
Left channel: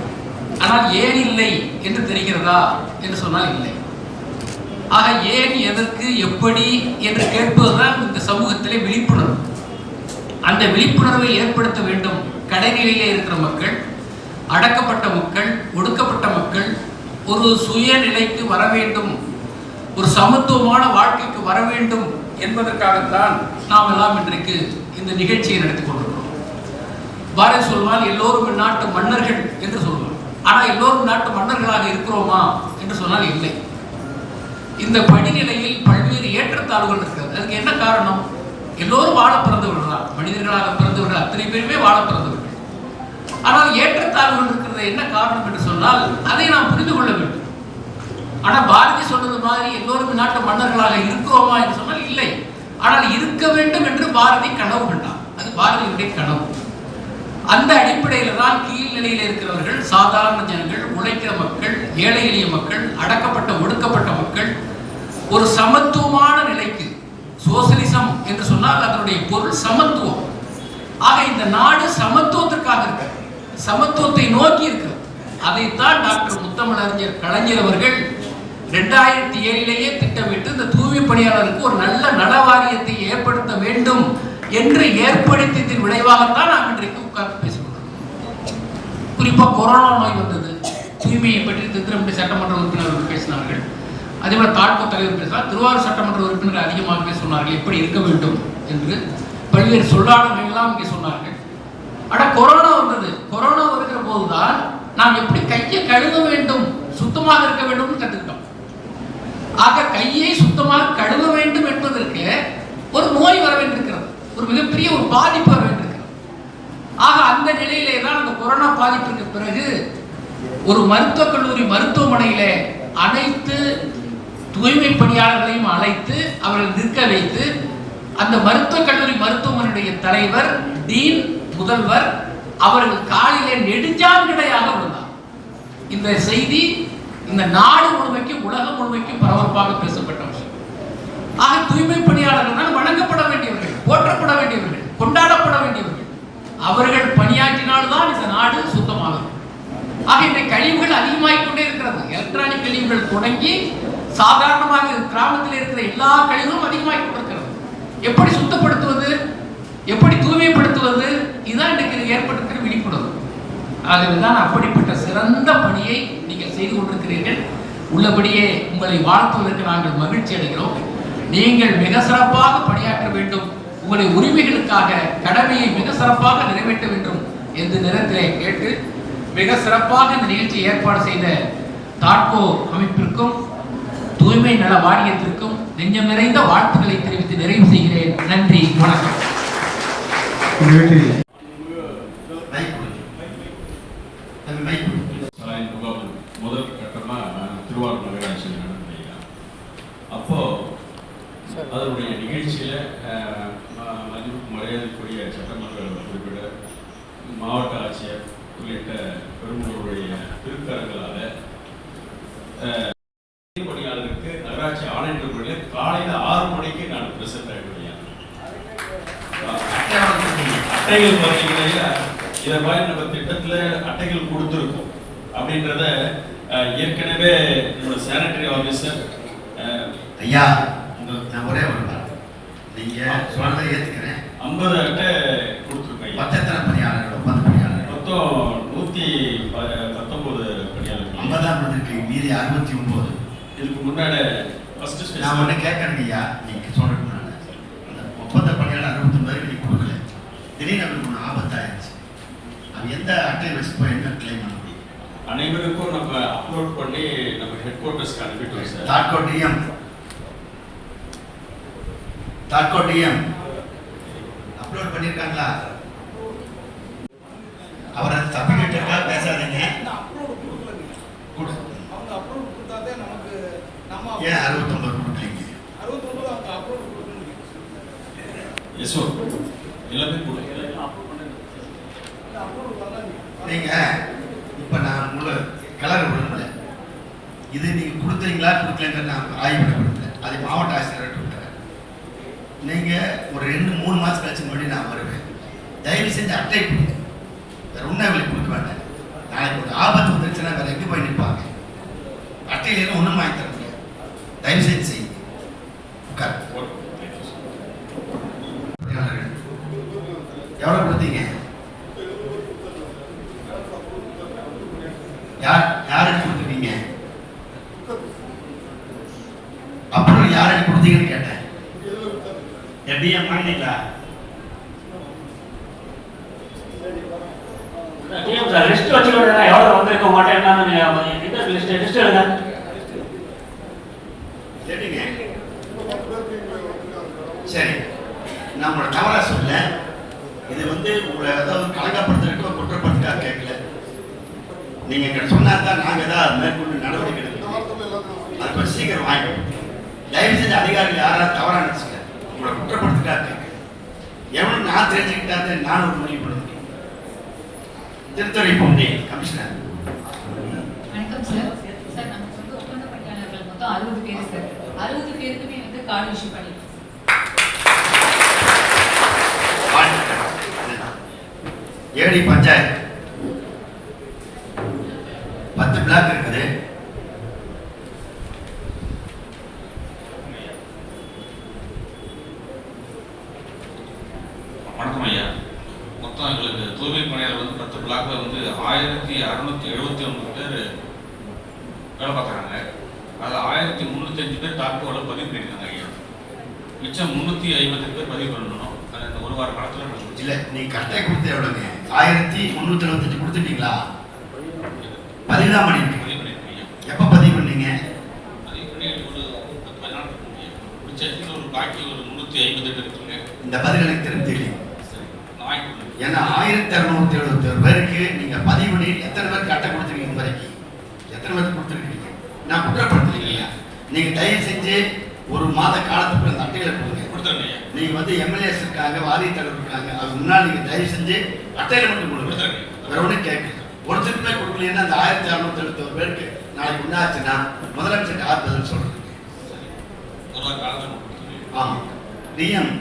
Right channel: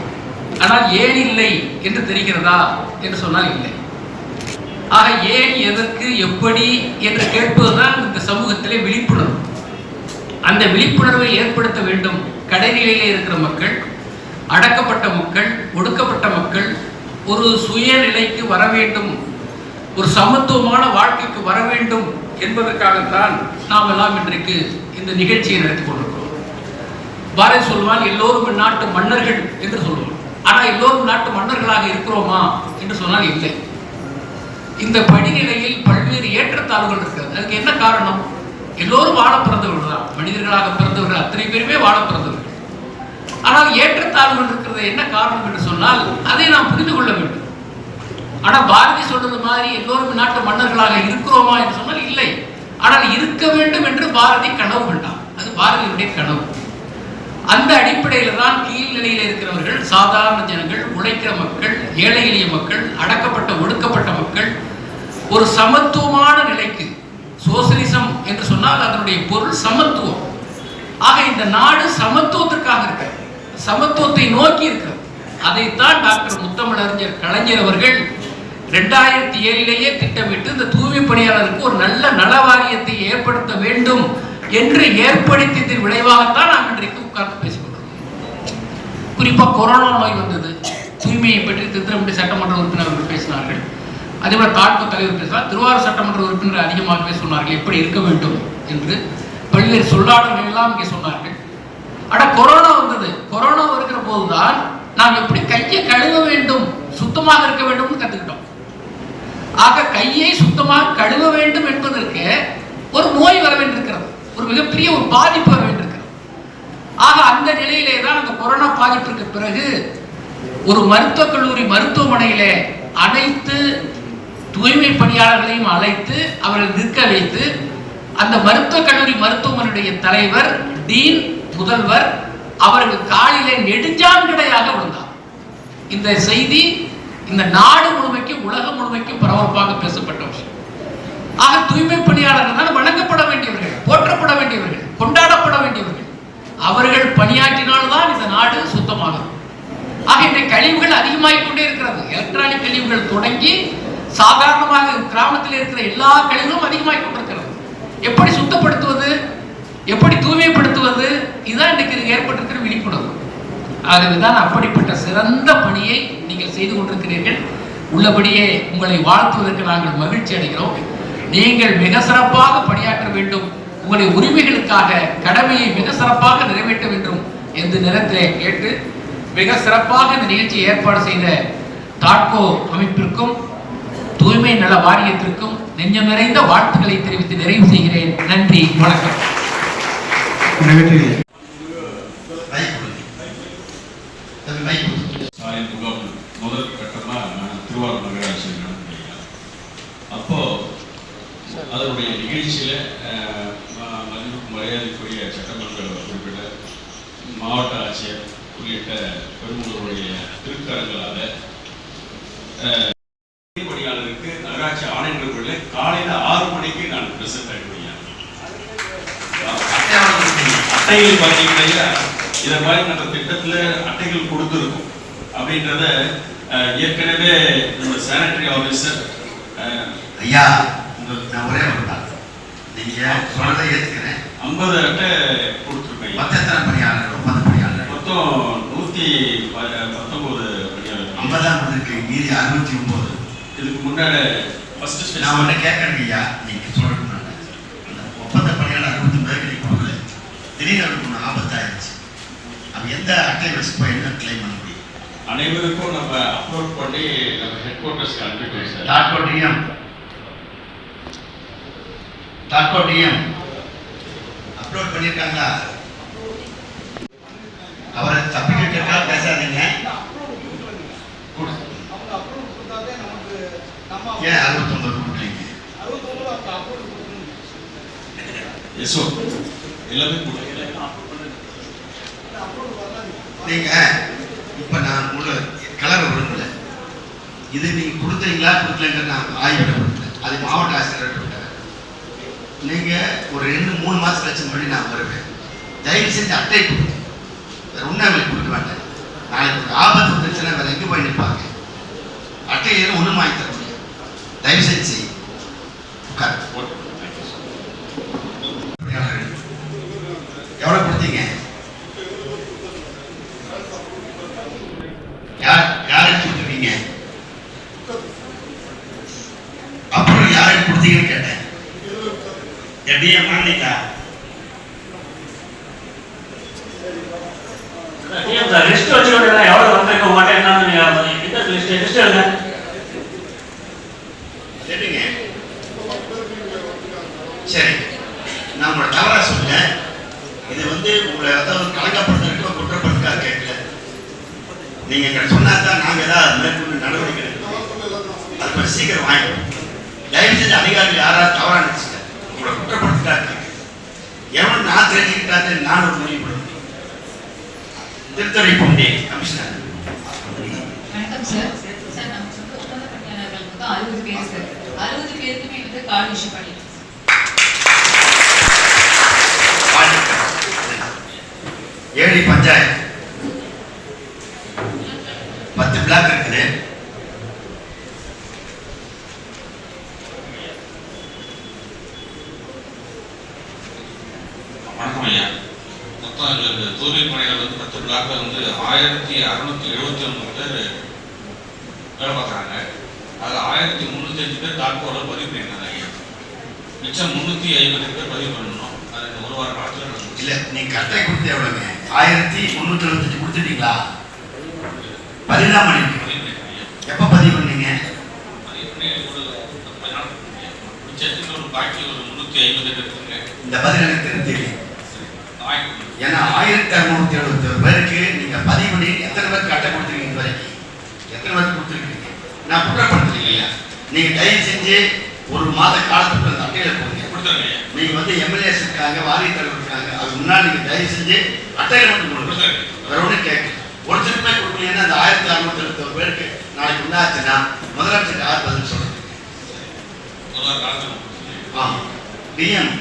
ஆனால் ஏன் இல்லை என்று தெரிகிறதா என்று சொன்னால் இல்லை. ஆக ஏன், எதற்கு, எப்படி என்று கேட்பதுதான் இந்த சமூகத்திலே விழிப்புணர்வு. அந்த விழிப்புணர்வை ஏற்படுத்த வேண்டும். கடைநிலையிலே இருக்கிற மக்கள், அடக்கப்பட்ட மக்கள், ஒடுக்கப்பட்ட மக்கள் ஒரு சுயநிலைக்கு வர வேண்டும், ஒரு சமத்துவமான வாழ்க்கைக்கு வர வேண்டும் என்பதற்காகத்தான் நாம் எல்லாம் இன்றைக்கு இந்த நிகழ்ச்சியை நடத்தி கொண்டிருக்கிறோம். பாரதி சொல்வான், எல்லோரும் நாட்டு மன்னர்கள் என்று சொல்லுவோம். ஆனால் எல்லோரும் நாட்டு மன்னர்களாக இருக்கிறோமா என்று சொன்னால் இல்லை. இந்த படிநிலையில் பல்வேறு ஏற்றத்தாழ்வுகள் இருக்கிறது. அதுக்கு என்ன காரணம்? எல்லோரும் வாழ பிறந்தவர்கள் தான், மனிதர்களாக பிறந்தவர்கள் அத்தனை பேருமே வாழ பிறந்தவர்கள். ஆனால் ஏற்றத்தாழ்வுகள் இருக்கிறது என்ன காரணம் என்று சொன்னால் அதை நாம் புரிந்து கொள்ள வேண்டும். ஆனால் பாரதி சொன்னது மாதிரி எல்லோரும் நாட்டு மன்னர்களாக இருக்கிறோமா என்று சொன்னால் இல்லை. ஆனால் இருக்க வேண்டும் என்று பாரதி கனவு கண்டார். அது பாரதியுடைய கனவு. அந்த அடிப்படையில் தான் கீழ்நிலையில் இருக்கிறவர்கள், சாதாரண ஜனங்கள், உழைக்கிற மக்கள், ஏழை எளிய மக்கள், அடக்கப்பட்ட ஒடுக்கப்பட்ட மக்கள் ஒரு சமத்துவமான நிலைக்கு, சோசலிசம் என்று சொன்னால் அதனுடைய பொருள் சமத்துவம். ஆக இந்த நாடு சமத்துவத்திற்காக இருக்கிறது, சமத்துவத்தை நோக்கி இருக்கிறது. அதைத்தான் டாக்டர் முத்தமிழறிஞர் கலைஞர் அவர்கள் 2007 திட்டமிட்டு இந்த தூய்மை பணியாளருக்கு ஒரு நல்ல நல வாரியத்தை ஏற்படுத்த வேண்டும் என்று ஏற்படுத்தியதன் விளைவாகத்தான் நாம் இன்றைக்கு உட்கார்ந்து பேசுகிறோம். குறிப்பாக கொரோனா நோய் வந்தது, தூய்மையை பற்றி திருத்திரம்பட்டி சட்டமன்ற உறுப்பினர்கள் பேசினார்கள். அதே மாதிரி தாழ்வு தலைவர் பேசினார், திருவாரூர் சட்டமன்ற உறுப்பினர் அதிகமாகவே சொன்னார்கள் எப்படி இருக்க வேண்டும் என்று. பல்வேறு சொல்லாடல்கள் எல்லாம் இங்கே சொன்னார்கள். ஆனால் கொரோனா வந்தது. கொரோனா வருகிற போதுதான் நாம் எப்படி கையை கழுவ வேண்டும், சுத்தமாக இருக்க வேண்டும் கற்றுக்கிட்டோம். ஆக கையை சுத்தமாக கழுவ வேண்டும் என்பதற்கு ஒரு நோய் வர வேண்டியிருக்கிறது, ஒரு மிகப்பெரிய ஒரு பாதிப்பு வர வேண்டியிருக்கிறது. ஆக அந்த நிலையிலே தான் அந்த கொரோனா பாதிப்பிற்கு பிறகு ஒரு மருத்துவக் கல்லூரி மருத்துவமனையிலே அனைத்து தூய்மை பணியாளர்களையும் அழைத்து அவர்கள் நிற்க வைத்து அந்த மருத்துவக் கல்லூரி மருத்துவமனையுடைய தலைவர், டீன், முதல்வர் அவர்கள் காலிலே நெடுஞ்சான்கடையாக வந்தார். இந்த செய்தி இந்த நாடு முழுமைக்கும் உலகம் முழுமைக்கும் பரபரப்பாக பேசப்பட்ட விஷயம். ஆக தூய்மை பணியாளர்கள் தான் வணங்கப்பட வேண்டியவர்கள், போற்றப்பட வேண்டியவர்கள், கொண்டாடப்பட வேண்டியவர்கள். அவர்கள் பணியாற்றினால்தான் இந்த நாடு சுத்தமாகும். ஆக இன்றைய கழிவுகள் அதிகமாகிக் கொண்டே இருக்கிறது. எலக்ட்ரானிக் கழிவுகள் தொடங்கி சாதாரணமாக கிராமத்தில் இருக்கிற எல்லா கழிவுகளும் அதிகமாகிக் கொண்டிருக்கிறது. எப்படி சுத்தப்படுத்துவது, எப்படி தூய்மைப்படுத்துவது, இதுதான் இன்றைக்கு ஏற்பட்டிருக்கிற விழிப்புணர்வு. ஆகவேதான் அப்படிப்பட்ட சிறந்த பணியை நீங்கள் செய்து கொண்டிருக்கிறீர்கள். உள்ளபடியே உங்களை வாழ்த்துவதற்கு நாங்கள் மகிழ்ச்சி அடைகிறோம். நீங்கள் மிக சிறப்பாக பணியாற்ற வேண்டும், உங்களுடைய உரிமைகளுக்காக கடமையை மிக சிறப்பாக நிறைவேற்ற வேண்டும் என்று நேரத்திலே கேட்டு மிக சிறப்பாக இந்த நிகழ்ச்சியை ஏற்பாடு செய்த தாட்கோ அமைப்பிற்கும் தூய்மை நல வாரியத்திற்கும் நெஞ்சம் நிறைந்த வாழ்த்துக்களை தெரிவித்து நிறைவு செய்கிறேன். நன்றி, வணக்கம். முதல் கட்டமா திருவாரூர் நகராட்சியில் நடந்தீங்க. அப்போ அதனுடைய நிகழ்ச்சியில மரியாதைக்குரிய சட்டமன்ற உறுப்பினர், மாவட்ட ஆட்சியர் உள்ளிட்ட பெருமளவுடைய திருக்கரங்களால பணியாளருக்கு நகராட்சி ஆணையர்களுக்குள்ள காலையில 6 மணிக்கு நான் பிரசன்ட் ஆகிடுவேன். அட்டைகள் பார்த்தீங்கன்னா இதை மாதிரி நம்ம திட்டத்துல அட்டைகள் கொடுத்துருக்கோம் அப்படின்றத ஏற்கனவே நம்ம சானிட்டரி ஆஃபீஸர் ஐயா நான் ஒரே ஒரு நீங்க சொன்னதை ஏற்றுக்கிறேன். 50 அட்டை கொடுத்துருக்கேன். மொத்தம் பணியாளர்கள் 50 பணியாளர்கள் மொத்தம் 119 பணியாளர்கள். 50 இருக்கு, மீதி 69. இதுக்கு முன்னாடி ஃபர்ஸ்ட் நான் ஒன்று கேட்கறேங்க ஐயா, நீங்க சொல்றேன் அந்த ஒப்பந்த பணியாளர் 69 பேருக்கு நீங்க கொடுக்கல, திடீர்னு அதுக்கு ஒன்று ஆபத்தாயிருச்சு. அது எந்த அட்டை வச்சு போய் என்ன கிளைம் பண்ண முடியும்? அனைவருக்கும் நம்ம அப்லோட் பண்ணி நம்ம ஹெட் குவார்ட்டர்ஸ்க்கு அனுப்பிட்டோம் சார். டாட்கோ டிஎம் அப்லோட் பண்ணியிருக்காங்களா? அவரை தப்பிக்கிட்டு பேசாதீங்க. ஏன் 69 கொடுக்குறீங்க? எஸ்ஓ எல்லாமே கொடுக்கல. நீங்க இப்ப நான் உள்ள கலர் விரும்பல, இது நீங்க கொடுத்தீங்களா கொடுக்கலங்க நான் ஆய்வு கொடுக்கல, அது மாவட்ட ஆசிரியர் கொடுக்குறேன். நீங்க ஒரு 2-3 மாசம் கழிச்சு முன்னாடி நான் வருவேன். தயவு செஞ்சு அட்டை கொடுங்க, வேற உண்மைகளை கொடுக்க மாட்டேன். நாளைக்கு ஒரு ஆபத்து வந்துருச்சுன்னா வேற எங்கே போய் நிற்பாங்க? அட்டை எதுவும் ஒன்றும் வாங்கி தர முடியாது. தயவு செஞ்சு செய். உட்கார். எவ்வளவு கொடுத்தீங்க? யாருக்கு கொடுத்துருக்கீங்க? அப்புறம் யாருக்கு கொடுத்தீங்கன்னு கேட்டேன். எப்படியா மாறிட்டா? லிஸ்ட் வச்சுக்கோங்க, எவ்வளவு வந்திருக்க மாட்டேன் என்னன்னு லிஸ்ட் எழுதுங்க. சரிங்க, சரி, நான் உங்களை தவறா சொல்ல. இது வந்து உங்களை ஏதாவது கலங்கப்படுத்த குற்றப்படுத்தா கேட்கல. நீங்க எங்களை சொன்னாதான் நாங்க ஏதாவது மேற்கொண்டு நடவடிக்கை எடுக்கணும். அது கொஞ்சம் சீக்கிரம் வாங்கிக்கணும். தயவு செஞ்சு அதிகாரிகள் யாராவது தவறா நினைச்சுக்க உங்களை குற்றப்படுத்தா கேட்க. எவன் நான் தெரிஞ்சுக்கிட்டாரு நான் ஒரு முடிவு பண்ண முடியும். திருத்துறை பொங்கி கமிஷனர். வணக்கம் சார். சார் நமக்கு வந்து ஒப்பந்த பணியாளர்கள் மொத்தம் 60 பேர் சார். 60 பேருக்குமே வந்து கார்டு இஷ்யூ பண்ணிருக்கோம். ஏழி பஞ்சாயத்து 10 பிளாக் இருக்குது. வணக்கம் ஐயா. மொத்தம் எங்களுக்கு தூய்மை பணியாளர் வந்து 10 பிளாக்ல வந்து 1679 பேர் வேலை பார்க்குறாங்க. அதில் 1305 பேர் டாக்டரோட பதிவு பண்ணியிருக்காங்க ஐயா. மிச்சம் 350 பேர் பதிவு பண்ணணும். அது இந்த ஒரு வார காலத்தில் இல்ல நீங்க கட்டை கொடுத்து எவ்வளவுங்க? 1375 கொடுத்துட்டீங்களா? பதிலாம் பண்ணிருக்கீங்க. எப்ப பதிவு பண்ணீங்க? ஒரு பாக்கி ஒரு 350 பேர் இருக்குங்க. இந்த பதில் எனக்கு தெரிஞ்சு. ஏன்னா 1671 பேருக்கு நீங்க பதிவு பண்ணி எத்தனை பேர் கட்டை கொடுத்துருக்கீங்க வரைக்கும்? எத்தனை பேர் கொடுத்துருக்கீங்க? நான் குற்றப்படுத்தலைங்க. நீங்க தயவு செஞ்சு ஒரு மாத காலத்துக்குள்ள அந்த அட்டையில போடுங்க. நீங்க வந்து எம்எல்ஏஸ் இருக்காங்க, வாரிய தலைவர் இருக்காங்க, அது முன்னாடி நீங்க தயவு செஞ்சு அட்டையில மட்டும் கொடுங்க. வேற ஒன்றும் கேட்க ஒருத்தருக்குமே கொடுக்கலன்னா அந்த 1671 பேருக்கு நாளைக்கு உண்டாச்சுன்னா முதலமைச்சர் யார் பதில் சொல்றீங்க? டிஎம்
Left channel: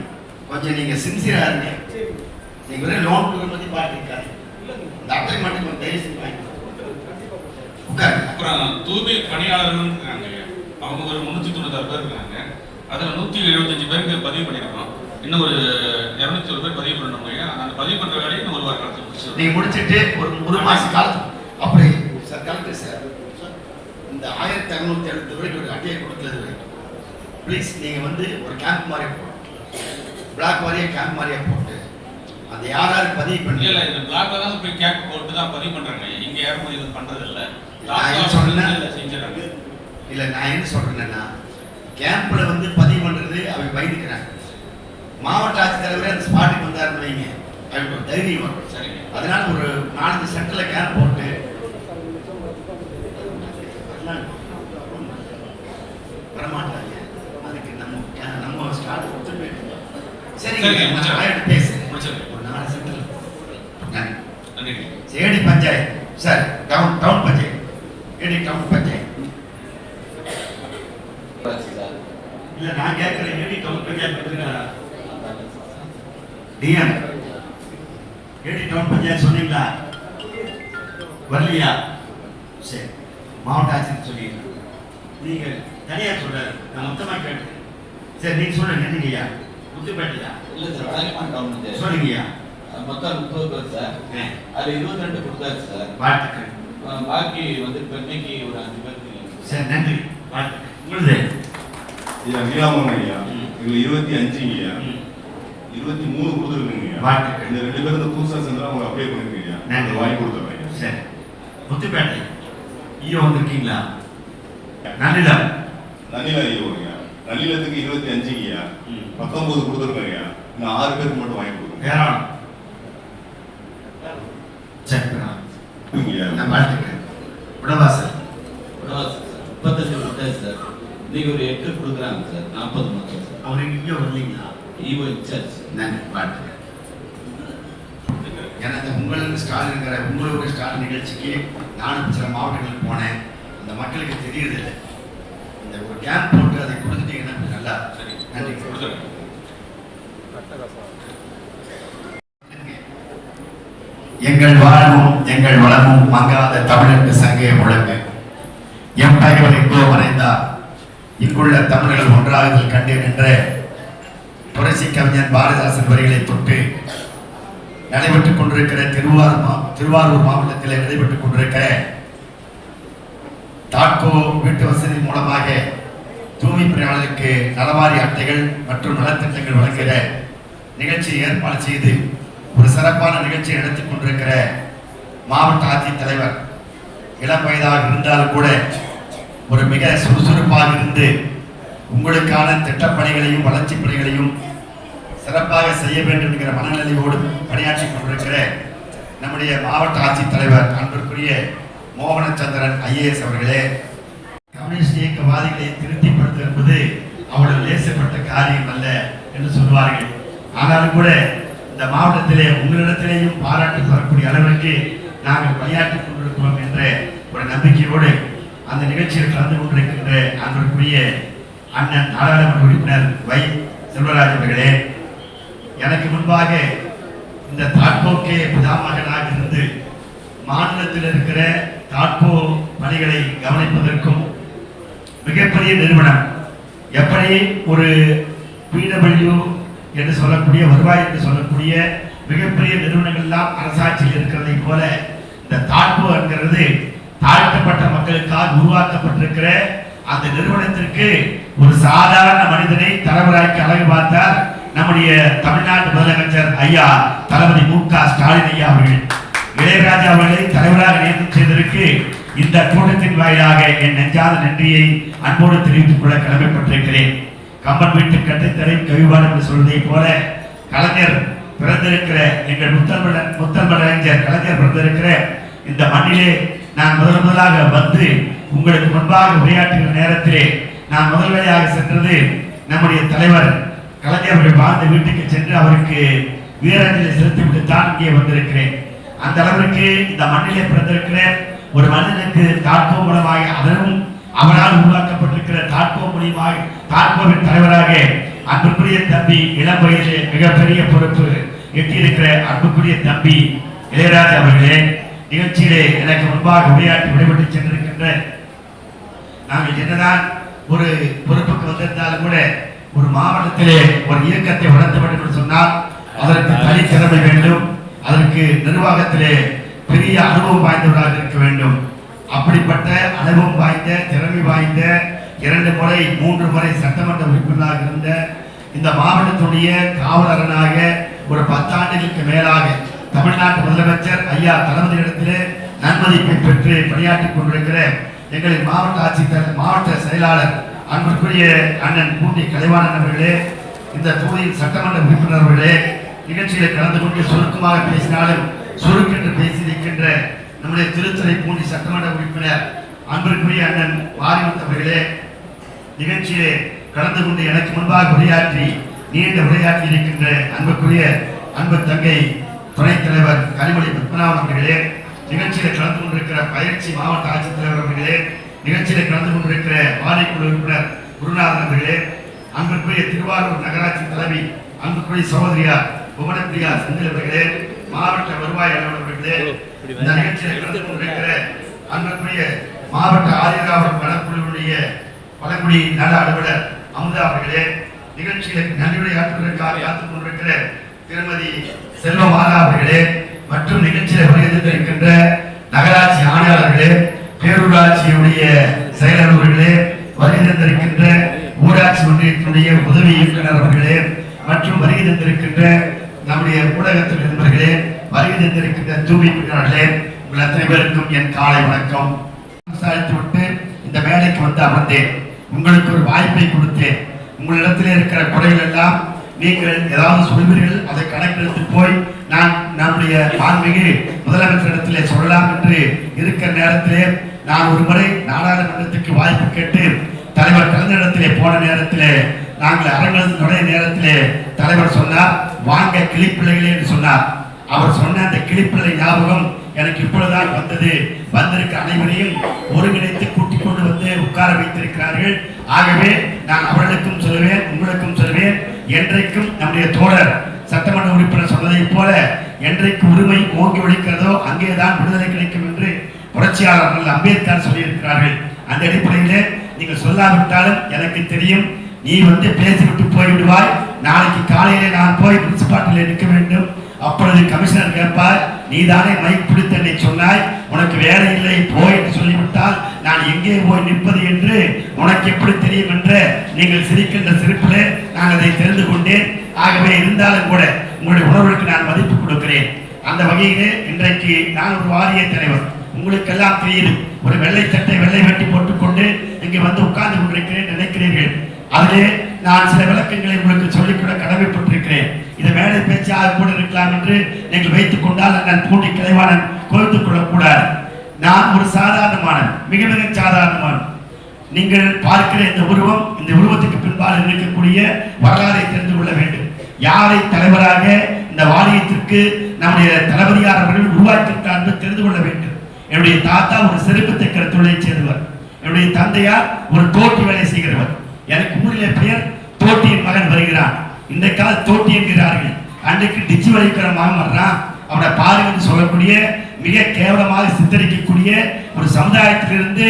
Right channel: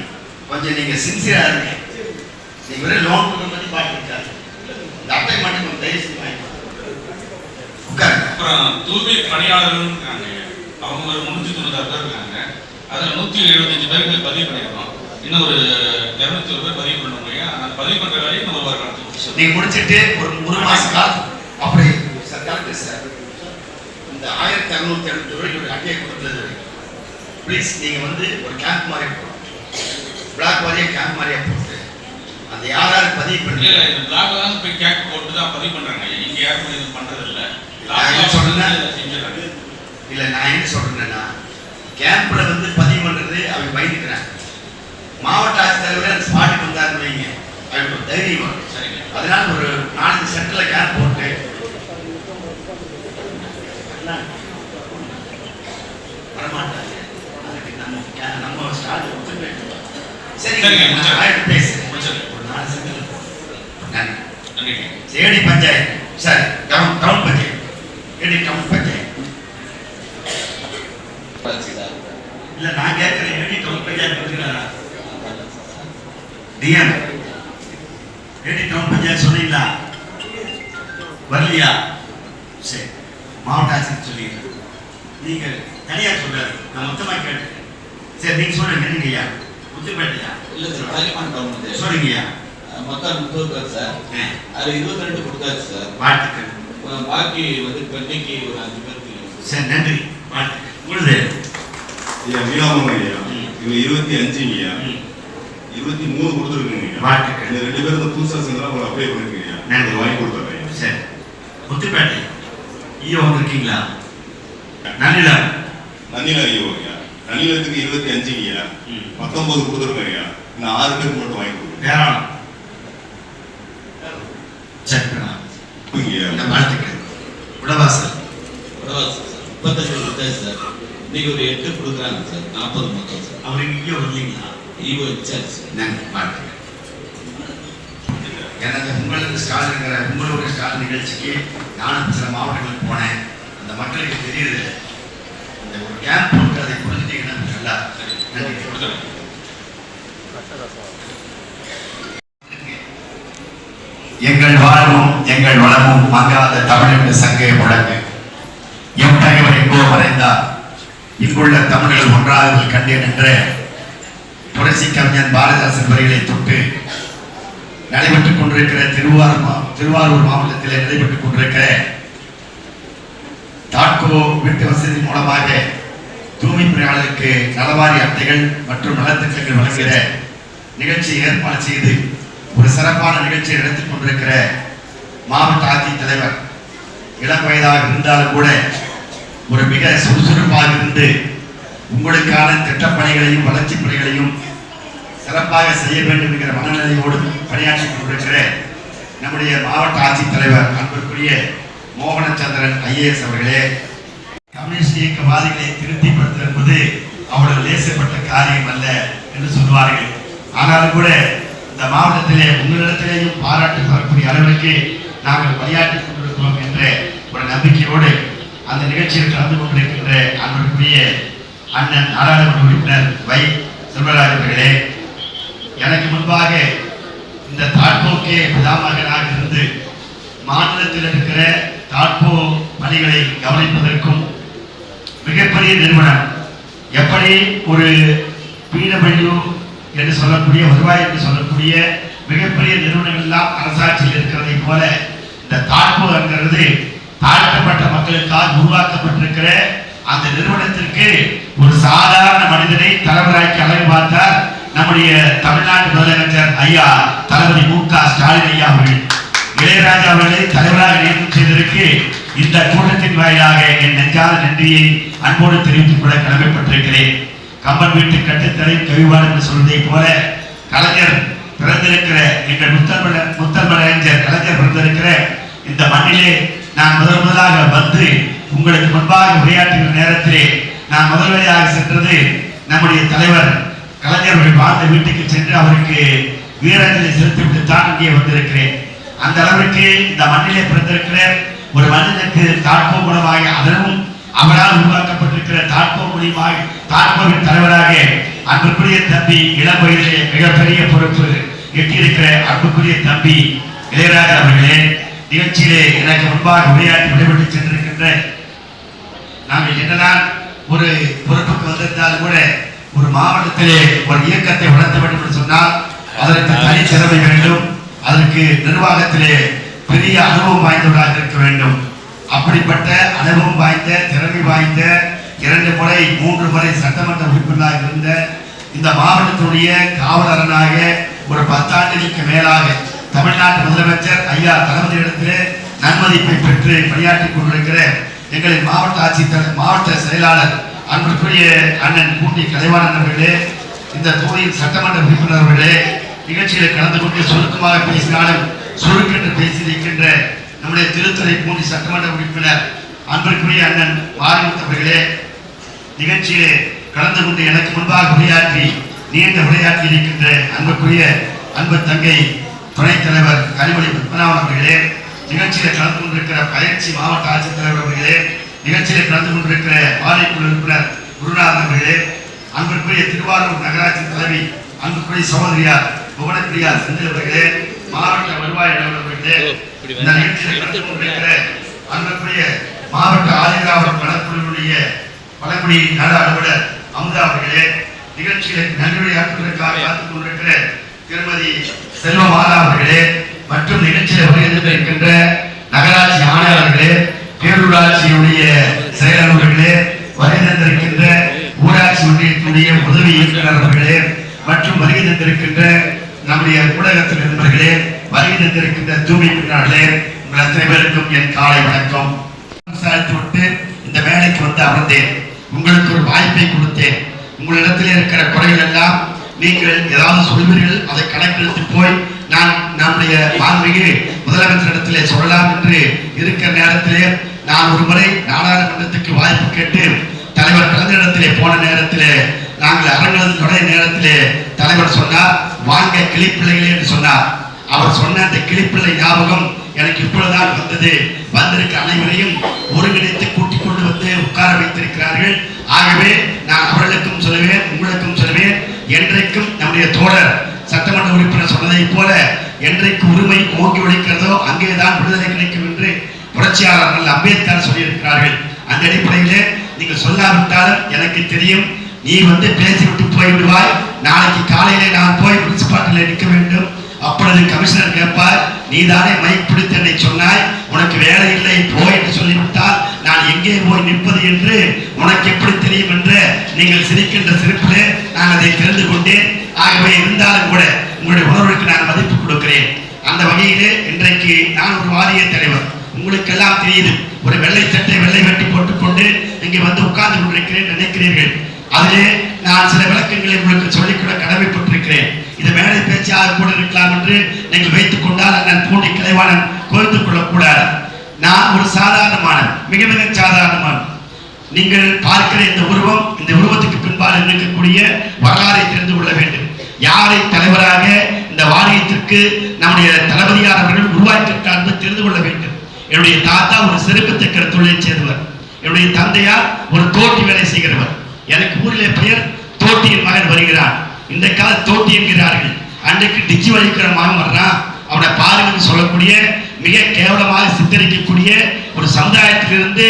கொஞ்சம் நீங்க சின்சியரா இருங்க. நீங்க வெறும் லோன் கொடுக்க பத்தி பாட்டுருக்காரு. இந்த அட்டை மட்டும் கொஞ்சம் தயவு செஞ்சு வாங்கி உட்காருங்க. அப்புறம் தூய்மை பணியாளர்கள் இருக்காங்க. அவங்க ஒரு 396 பேர் இருக்காங்க. அதில் 175 பேருக்கு பதிவு பண்ணியிருக்கோம். இன்னும் ஒரு 200 பேர் பதிவு பண்ண முடியும். அந்த பதிவு பண்ற வேலையை இன்னும் ஒரு வார காலத்துக்கு முடிச்சு நீங்க முடிச்சுட்டு ஒரு மாச காலம் அப்படி சார் கரெக்ட் சார். இந்த 1670 ரூபாய்க்கு ஒரு அட்டையை கொடுத்தது ப்ளீஸ் நீங்க வந்து ஒரு கேம்ப் மாதிரி போடணும். பிளாக் மாதிரியே கேம்ப் மாதிரியே போட்டு அந்த யாராரு பதிவு பண்ணி இல்லை இந்த பிளாக்ல தான் போய் கேம்ப் போட்டு தான் பதிவு பண்றாங்க. இங்க யாரும் இது பண்றது இல்லை. செஞ்சிடறாங்க. இல்லை நான் என்ன சொல்றேன்னா கேம்ப்ல வந்து பதிவு பண்றது அவங்க பயந்துக்கிறாங்க. மாவட்ட ஆட்சித்தலைவர் ஸ்பாட்டுக்கு வந்தாருன்னு வைங்க, அவங்களுக்கு ஒரு தைரியம் வரும். அதனால ஒரு 4 சென்டர்ல கேம்ப் போட்டு வரமாட்டாங்க. அதுக்கு நம்ம ஸ்டார்ட் ஒத்துக்க சரி பேசுறேன். ஒரு 4 சென்டர்ல நன்றி. சேடி பஞ்சாயத்து சார், டவுன் பஞ்சாயத்து, ஏடி டவுன் பஞ்சாயத்து. இல்ல நான் கேட்கிறேன், ஏடி டவுன் பஞ்சாயத்து கொடுத்துருக்காரா? டிஎம் ஏடி டவுன் பஞ்சாயத்து சொன்னீங்களா? வரலையா? சரி, மாவட்ட ஆட்சியர் சொல்லிடுறேன். நீங்க தனியா சொல்றாரு, நான் மொத்தமா கேட்டேன். சரி நீங்க சொல்லுங்க. என்னங்கய்யா முத்துப்பேட்டையா? இல்ல சார், தாய்மான் கவர்மெண்ட் சொல்லுங்கய்யா. மொத்தம் 30 பேர் சார். அது 22 கொடுத்தாச்சு சார். வாழ்த்துக்கள். பாக்கி வந்து பெண்ணைக்கு ஒரு 5 பேருக்கு. சரி நன்றி, வாழ்த்துக்கள். உங்களுது ஐயா வியாபம் ஐயா, இது 25 ஐயா, 23 கொடுத்துருக்குங்க. வாழ்த்துக்கள். இந்த 2 பேரும் புதுசாக சேர்ந்தா அவங்க அப்ளை பண்ணிருக்கீங்க. நன்றி, வாங்கி கொடுத்துறேன். சரி. முத்துப்பேட்டை ஈயோ இருக்கீங்களா? நன்னிலம் ஐயோ ஐயா, நன்னிலத்துக்கு 25 ஐயா, 19 கொடுத்துருக்கேன் ஐயா. இன்னும் 6 பேருக்கு மட்டும் வாங்கி கொடுக்குறேன். ஏராளம். சக்கரா வாழ்த்துக்கள். உடவாசல் 35 கொடுத்தாச்சு சார். இன்னைக்கு ஒரு 8 கொடுக்குறாங்க சார். 40 மொத்தம் சார். அவருக்கு ஈயோ வரலீங்களா? ஈவோ இன்சார்ஜ். நன்றி, வாழ்த்துக்கள். எனக்கு உங்களுக்கு ஸ்டால் இருக்கிற உங்களுடைய ஸ்டால் நிகழ்ச்சிக்கு நானும் சில மாவட்டங்களுக்கு போனேன். அந்த மக்களுக்கு தெரியுது. இந்த ஒரு கேம்ப் போட்டு அதை புரிஞ்சுட்டீங்கன்னா நல்லா. நன்றி. எங்கள் வாழ்வும் எங்கள் வளமும் மங்காத தமிழ் சங்கை முழங்கு. எம் தலைவர் எங்கோ மறைந்தார், இங்குள்ள தமிழர்கள் ஒன்றாகுதல் கண்டேன் என்ற புரட்சி கவிஞன் பாரதிதாசன் வரிகளை தொட்டு நடைபெற்றுக் கொண்டிருக்கிற திருவாரூர் மாவட்டத்தில் நடைபெற்றுக் கொண்டிருக்கிற தாட்கோ வீட்டு வசதி மூலமாக தூய்மை பணியாளர்களுக்கு நலவாரி அட்டைகள் மற்றும் நலத்திட்டங்கள் வழங்குகிற நிகழ்ச்சியை ஏற்பாடு செய்து ஒரு சிறப்பான நிகழ்ச்சியை நடத்திக் கொண்டிருக்கிற மாவட்ட ஆட்சித்தலைவர் இளம் வயதாக இருந்தாலும் கூட ஒரு மிக சுறுசுறுப்பாக இருந்து உங்களுக்கான திட்டப்பணிகளையும் வளர்ச்சி பணிகளையும் சிறப்பாக செய்ய வேண்டும் என்கிற மனநிலையோடு பணியாற்றிக் கொண்டிருக்கிற நம்முடைய மாவட்ட ஆட்சித்தலைவர் அன்பிற்குரிய மோகனச்சந்திரன் IAS அவர்களே, கம்யூனிஸ்ட் இயக்கவாதிகளை திருப்திப்படுத்துவது என்பது அவ்வளவு லேசப்பட்ட காரியம் அல்ல என்று சொல்வார்கள். ஆனாலும் கூட இந்த மாவட்டத்திலே உங்களிடத்திலேயும் பாராட்டு வரக்கூடிய அளவிற்கு நாங்கள் பணியாற்றிக் கொண்டிருக்கிறோம் என்ற ஒரு நம்பிக்கையோடு அந்த நிகழ்ச்சியில் கலந்து கொண்டிருக்கின்ற அன்பிற்குரிய அண்ணன் நாடாளுமன்ற உறுப்பினர் வை செல்வராஜ் அவர்களே, எனக்கு முன்பாக இந்த தாட்கோக்கே பிதாமகனாக இருந்து மாநிலத்தில் இருக்கிற தாட்கோ பணிகளை கவனிப்பதற்கும் மிகப்பெரிய நிறுவனம் எப்படி ஒரு PW என்று சொல்லக்கூடிய வருவாய் என்று சொல்லக்கூடிய மிகப்பெரிய நிறுவனங்கள் எல்லாம் அரசாட்சியில் இருக்கிறதை போல இந்த தாட்கோ என்கிறது தாழ்த்தப்பட்ட மக்களுக்காக உருவாக்கப்பட்டிருக்கிற அந்த நிறுவனத்திற்கு ஒரு சாதாரண மனிதனை தலைவராக்கி அழகு பார்த்தார் நம்முடைய தமிழ்நாட்டு முதலமைச்சர் ஐயா தளபதி மு.க. ஸ்டாலின் ஐயா அவர்கள். இளையராஜா அவர்களை தலைவராக நியமனம் செய்ததற்கு இந்த கூட்டத்தின் வாயிலாக என் நெஞ்சாத நன்றியை அன்போடு தெரிவித்துக் கொள்ள கடமைப்பட்டிருக்கிறேன். கம்பன் வீட்டு கட்டுத்தரை கவிவாடு என்று சொல்வதை போல கலைஞர் பிறந்திருக்கிற எங்கள் முத்தமிழ் அறிஞர் கலைஞர் பிறந்திருக்கிற இந்த மண்ணிலே நான் முதலாக வந்து உங்களுக்கு முன்பாக உரையாற்றுகிற நேரத்திலே நான் முதல்வரையாக சென்றது நம்முடைய தலைவர் கலைஞர்கள் வாழ்ந்த வீட்டுக்கு சென்று அவருக்கு வீரஞ்சலி செலுத்திவிட்டு தான் இங்கே வந்திருக்கிறேன். அந்த அளவிற்கு இந்த மண்ணிலே பிறந்திருக்கிற ஒரு மனிதனுக்கு தாட்கோ மூலமாக அதனும் அவரால் உருவாக்கப்பட்டிருக்கிற தாட்கோ மூலமாக தாட்கோவின் தலைவராக அன்புக்குரிய தம்பி இளம் வயதிலே மிகப்பெரிய பொறுப்பு எட்டியிருக்கிற அன்புக்குரிய தம்பி இளையராஜா அவர்களே, நிகழ்ச்சியிலே எனக்கு முன்பாக உரையாற்றி விடைபெற்று சென்றிருக்கின்ற நாங்கள் என்னதான் ஒரு பொறுப்புக்கு வந்திருந்தாலும் கூட ஒரு மாவட்டத்திலே ஒரு இயக்கத்தை வளர்த்த வேண்டும் என்று சொன்னால் அதற்கு தனி திறமை வேண்டும், அதற்கு நிர்வாகத்திலே பெரிய அனுபவம் வாய்ந்தவராக இருக்க வேண்டும். அப்படிப்பட்ட அனுபவம் வாய்ந்த திறமை வாய்ந்த 2 முறை 3 முறை சட்டமன்ற உறுப்பினராக இருந்த இந்த மாவட்டத்துடைய காவலரனாக ஒரு 10 ஆண்டுகளுக்கு மேலாக தமிழ்நாட்டு முதலமைச்சர் ஐயா தளபதி இடத்திலே நன்மதிப்பை பெற்று பணியாற்றிக் கொண்டிருக்கிற எங்களின் மாவட்ட செயலாளர் அன்புக்குரிய அண்ணன் பூண்டி கலைவாணன் அவர்களே, இந்த தொகுதியின் சட்டமன்ற உறுப்பினர் அவர்களே, நிகழ்ச்சியை கலந்து கொண்டு சுருக்கமாக பேசினாலும் சுருக்கென்று பேசியிருக்கின்ற நம்முடைய திருத்துறை பூண்டி சட்டமன்ற உறுப்பினர் அன்புக்குரிய அண்ணன் மாரிமுத்து அவர்களே, நிகழ்ச்சியிலே கலந்து கொண்டு எனக்கு முன்பாக உரையாற்றி நீண்ட உரையாற்றி இருக்கின்ற அன்புக்குரிய அன்பு தங்கை துணைத் தலைவர் கனிமொழி பத்மநாபன் அவர்களே, நிகழ்ச்சியில் கலந்து கொண்டிருக்கிற பயிற்சி மாவட்ட ஆட்சித்தலைவர் அவர்களே, நிகழ்ச்சியில் கலந்து கொண்டிருக்கிற மாநில உறுப்பினர் குருநாதன் அவர்களே, அன்புக்குரிய திருவாரூர் நகராட்சி தலைவி அன்புக்குரிய சகோதரியார் புவனப்பிரியா செந்தில் அவர்களே, மாவட்ட வருவாய் அலுவலர்களே, இந்த நிகழ்ச்சியில் கலந்து கொண்டிருக்கிற அன்புக்குரிய மாவட்ட ஆதிராவிட வனக்குழுவுடைய பழங்குடி நல அலுவலர் அமுதா அவர்களே, நிகழ்ச்சியில் நன்றியுரையாற்றுவதற்காக காத்துக் கொண்டிருக்கிற திருமதி செல்வமாலா அவர்களே மற்றும் நிகழ்ச்சியில் வருகின்ற நகராட்சி ஆணையாளர்களே, பேரூராட்சியுடைய செயலாளர்களே, வருகை தந்திருக்கின்ற ஊராட்சி ஒன்றியத்தினுடைய உதவி இயக்குநர் அவர்களே மற்றும் வருகை தந்திருக்கின்ற நம்முடைய ஊடகத்தில் நண்பர்களே, வருகை தந்திருக்கின்ற தூய்மை பணியாளர்களே, உங்கள் அத்தனை பேருக்கும் என் காலை வணக்கம். விட்டு இந்த வேலைக்கு வந்து அமர்ந்தேன். உங்களுக்கு ஒரு வாய்ப்பை கொடுத்தேன். உங்களிடத்தில் இருக்கிற குறைகள் எல்லாம் நீங்கள் ஏதாவது சொல்வீர்கள், அதை கணக்கெடுத்து போய் நான் நம்முடைய மாண்புமிகு முதலமைச்சரிடத்திலே சொல்லலாம் என்று இருக்கிற நேரத்திலே நான் ஒரு முறை நாடாளுமன்றத்துக்கு வாய்ப்பு கேட்டு தலைவர் கலைஞரிடத்திலே போன நேரத்திலே நாங்கள் அரங்கத்தில் நுழைய நேரத்திலே தலைவர் சொன்னார், வாங்க கிளிப்பிள்ளைகளே என்று சொன்னார். அவர் சொன்ன அந்த கிளிப்பிள்ளை ஞாபகம் எனக்கு இப்பொழுதுதான் வந்தது. வந்திருக்க அனைவரையும் ஒருங்கிணைத்து கூட்டிக் கொண்டு வந்து உட்கார வைத்திருக்கிறார்கள். ஆகவே நான் அவர்களுக்கும் சொல்லுவேன், உங்களுக்கும் சொல்லுவேன், என்றைக்கும் நம்முடைய தோழர் சட்டமன்ற உறுப்பினர் சொன்னதை போல என்றைக்கு உரிமை ஓங்கி ஒழிக்கிறதோ அங்கேதான் விடுதலை கிடைக்கும் என்று புரட்சியாளர் அம்பேத்கர் சொல்லியிருக்கிறார்கள். அந்த அடிப்படையிலே நீங்கள் சொல்லாவிட்டாலும் எனக்கு தெரியும். நீ வந்து பேசிவிட்டு போய்விடுவாய். நாளைக்கு காலையிலே நான் போய் முனிசிபாலிட்டியில் நிற்க வேண்டும். அப்பொழுது கமிஷனர் கேட்பார், நீதானே மைக் பிடித்து என்னை சொன்னாய், உனக்கு வேலை இல்லை போய் என்று சொல்லிவிட்டால் நான் எங்கே போய் நிற்பது என்று உனக்கு எப்படி தெரியும் என்று நீங்கள் சிரிக்கின்ற சிரிப்பிலே நான் அதை தெரிந்து கொண்டேன். ஆகவே இருந்தாலும் கூட உங்களுடைய உணர்வுக்கு நான் மதிப்பு கொடுக்கிறேன். அந்த வகையிலே இன்றைக்கு நான் ஒரு வாரிய தலைவர். உங்களுக்கெல்லாம் தெரியுது, ஒரு வெள்ளை சட்டை வெள்ளை வெட்டி போட்டுக்கொண்டு இங்கே வந்து உட்கார்ந்து கொண்டிருக்கிறேன் நினைக்கிறீர்கள். அதிலே நான் சில விளக்கங்களை உங்களுக்கு சொல்லிக்கூட கடமைப்பட்டிருக்கிறேன். இது மேடை பேச்சாக கூட இருக்கலாம் என்று நீங்கள் வைத்துக் கொண்டால் நான் பூண்டி கிளைவாளன் கோர்த்துக் கொள்ளக்கூடாது. நான் ஒரு சாதாரணமான மிக மிக சாதாரணமான நீங்கள் பார்க்கிற இந்த உருவம், இந்த உருவத்துக்கு பின்பால் இருக்கக்கூடிய வரலாறை தெரிந்து கொள்ள வேண்டும். யாரை தலைவராக இந்த வாரியத்திற்கு நம்முடைய தளபதியார் அவர்கள் உருவாக்கியிருக்கார் என்று தெரிந்து கொள்ள வேண்டும். என்னுடைய தாத்தா ஒரு செருப்பு தைக்கிற தொழிலை சேர்ந்தவர். என்னுடைய தந்தையார் ஒரு தோட்டி வேலை செய்கிறவர். எனக்கு ஊரிலே பெயர் தோட்டியின் மகன் வருகிறான். இந்த கால தோட்டி என்கிறார்கள். அன்றைக்கு டிச்சி வலிக்கிற மகன் வர்றான், அவனை பாருங்கன்னு சொல்லக்கூடிய மிக கேவலமாக சித்தரிக்கக்கூடிய ஒரு சமுதாயத்திலிருந்து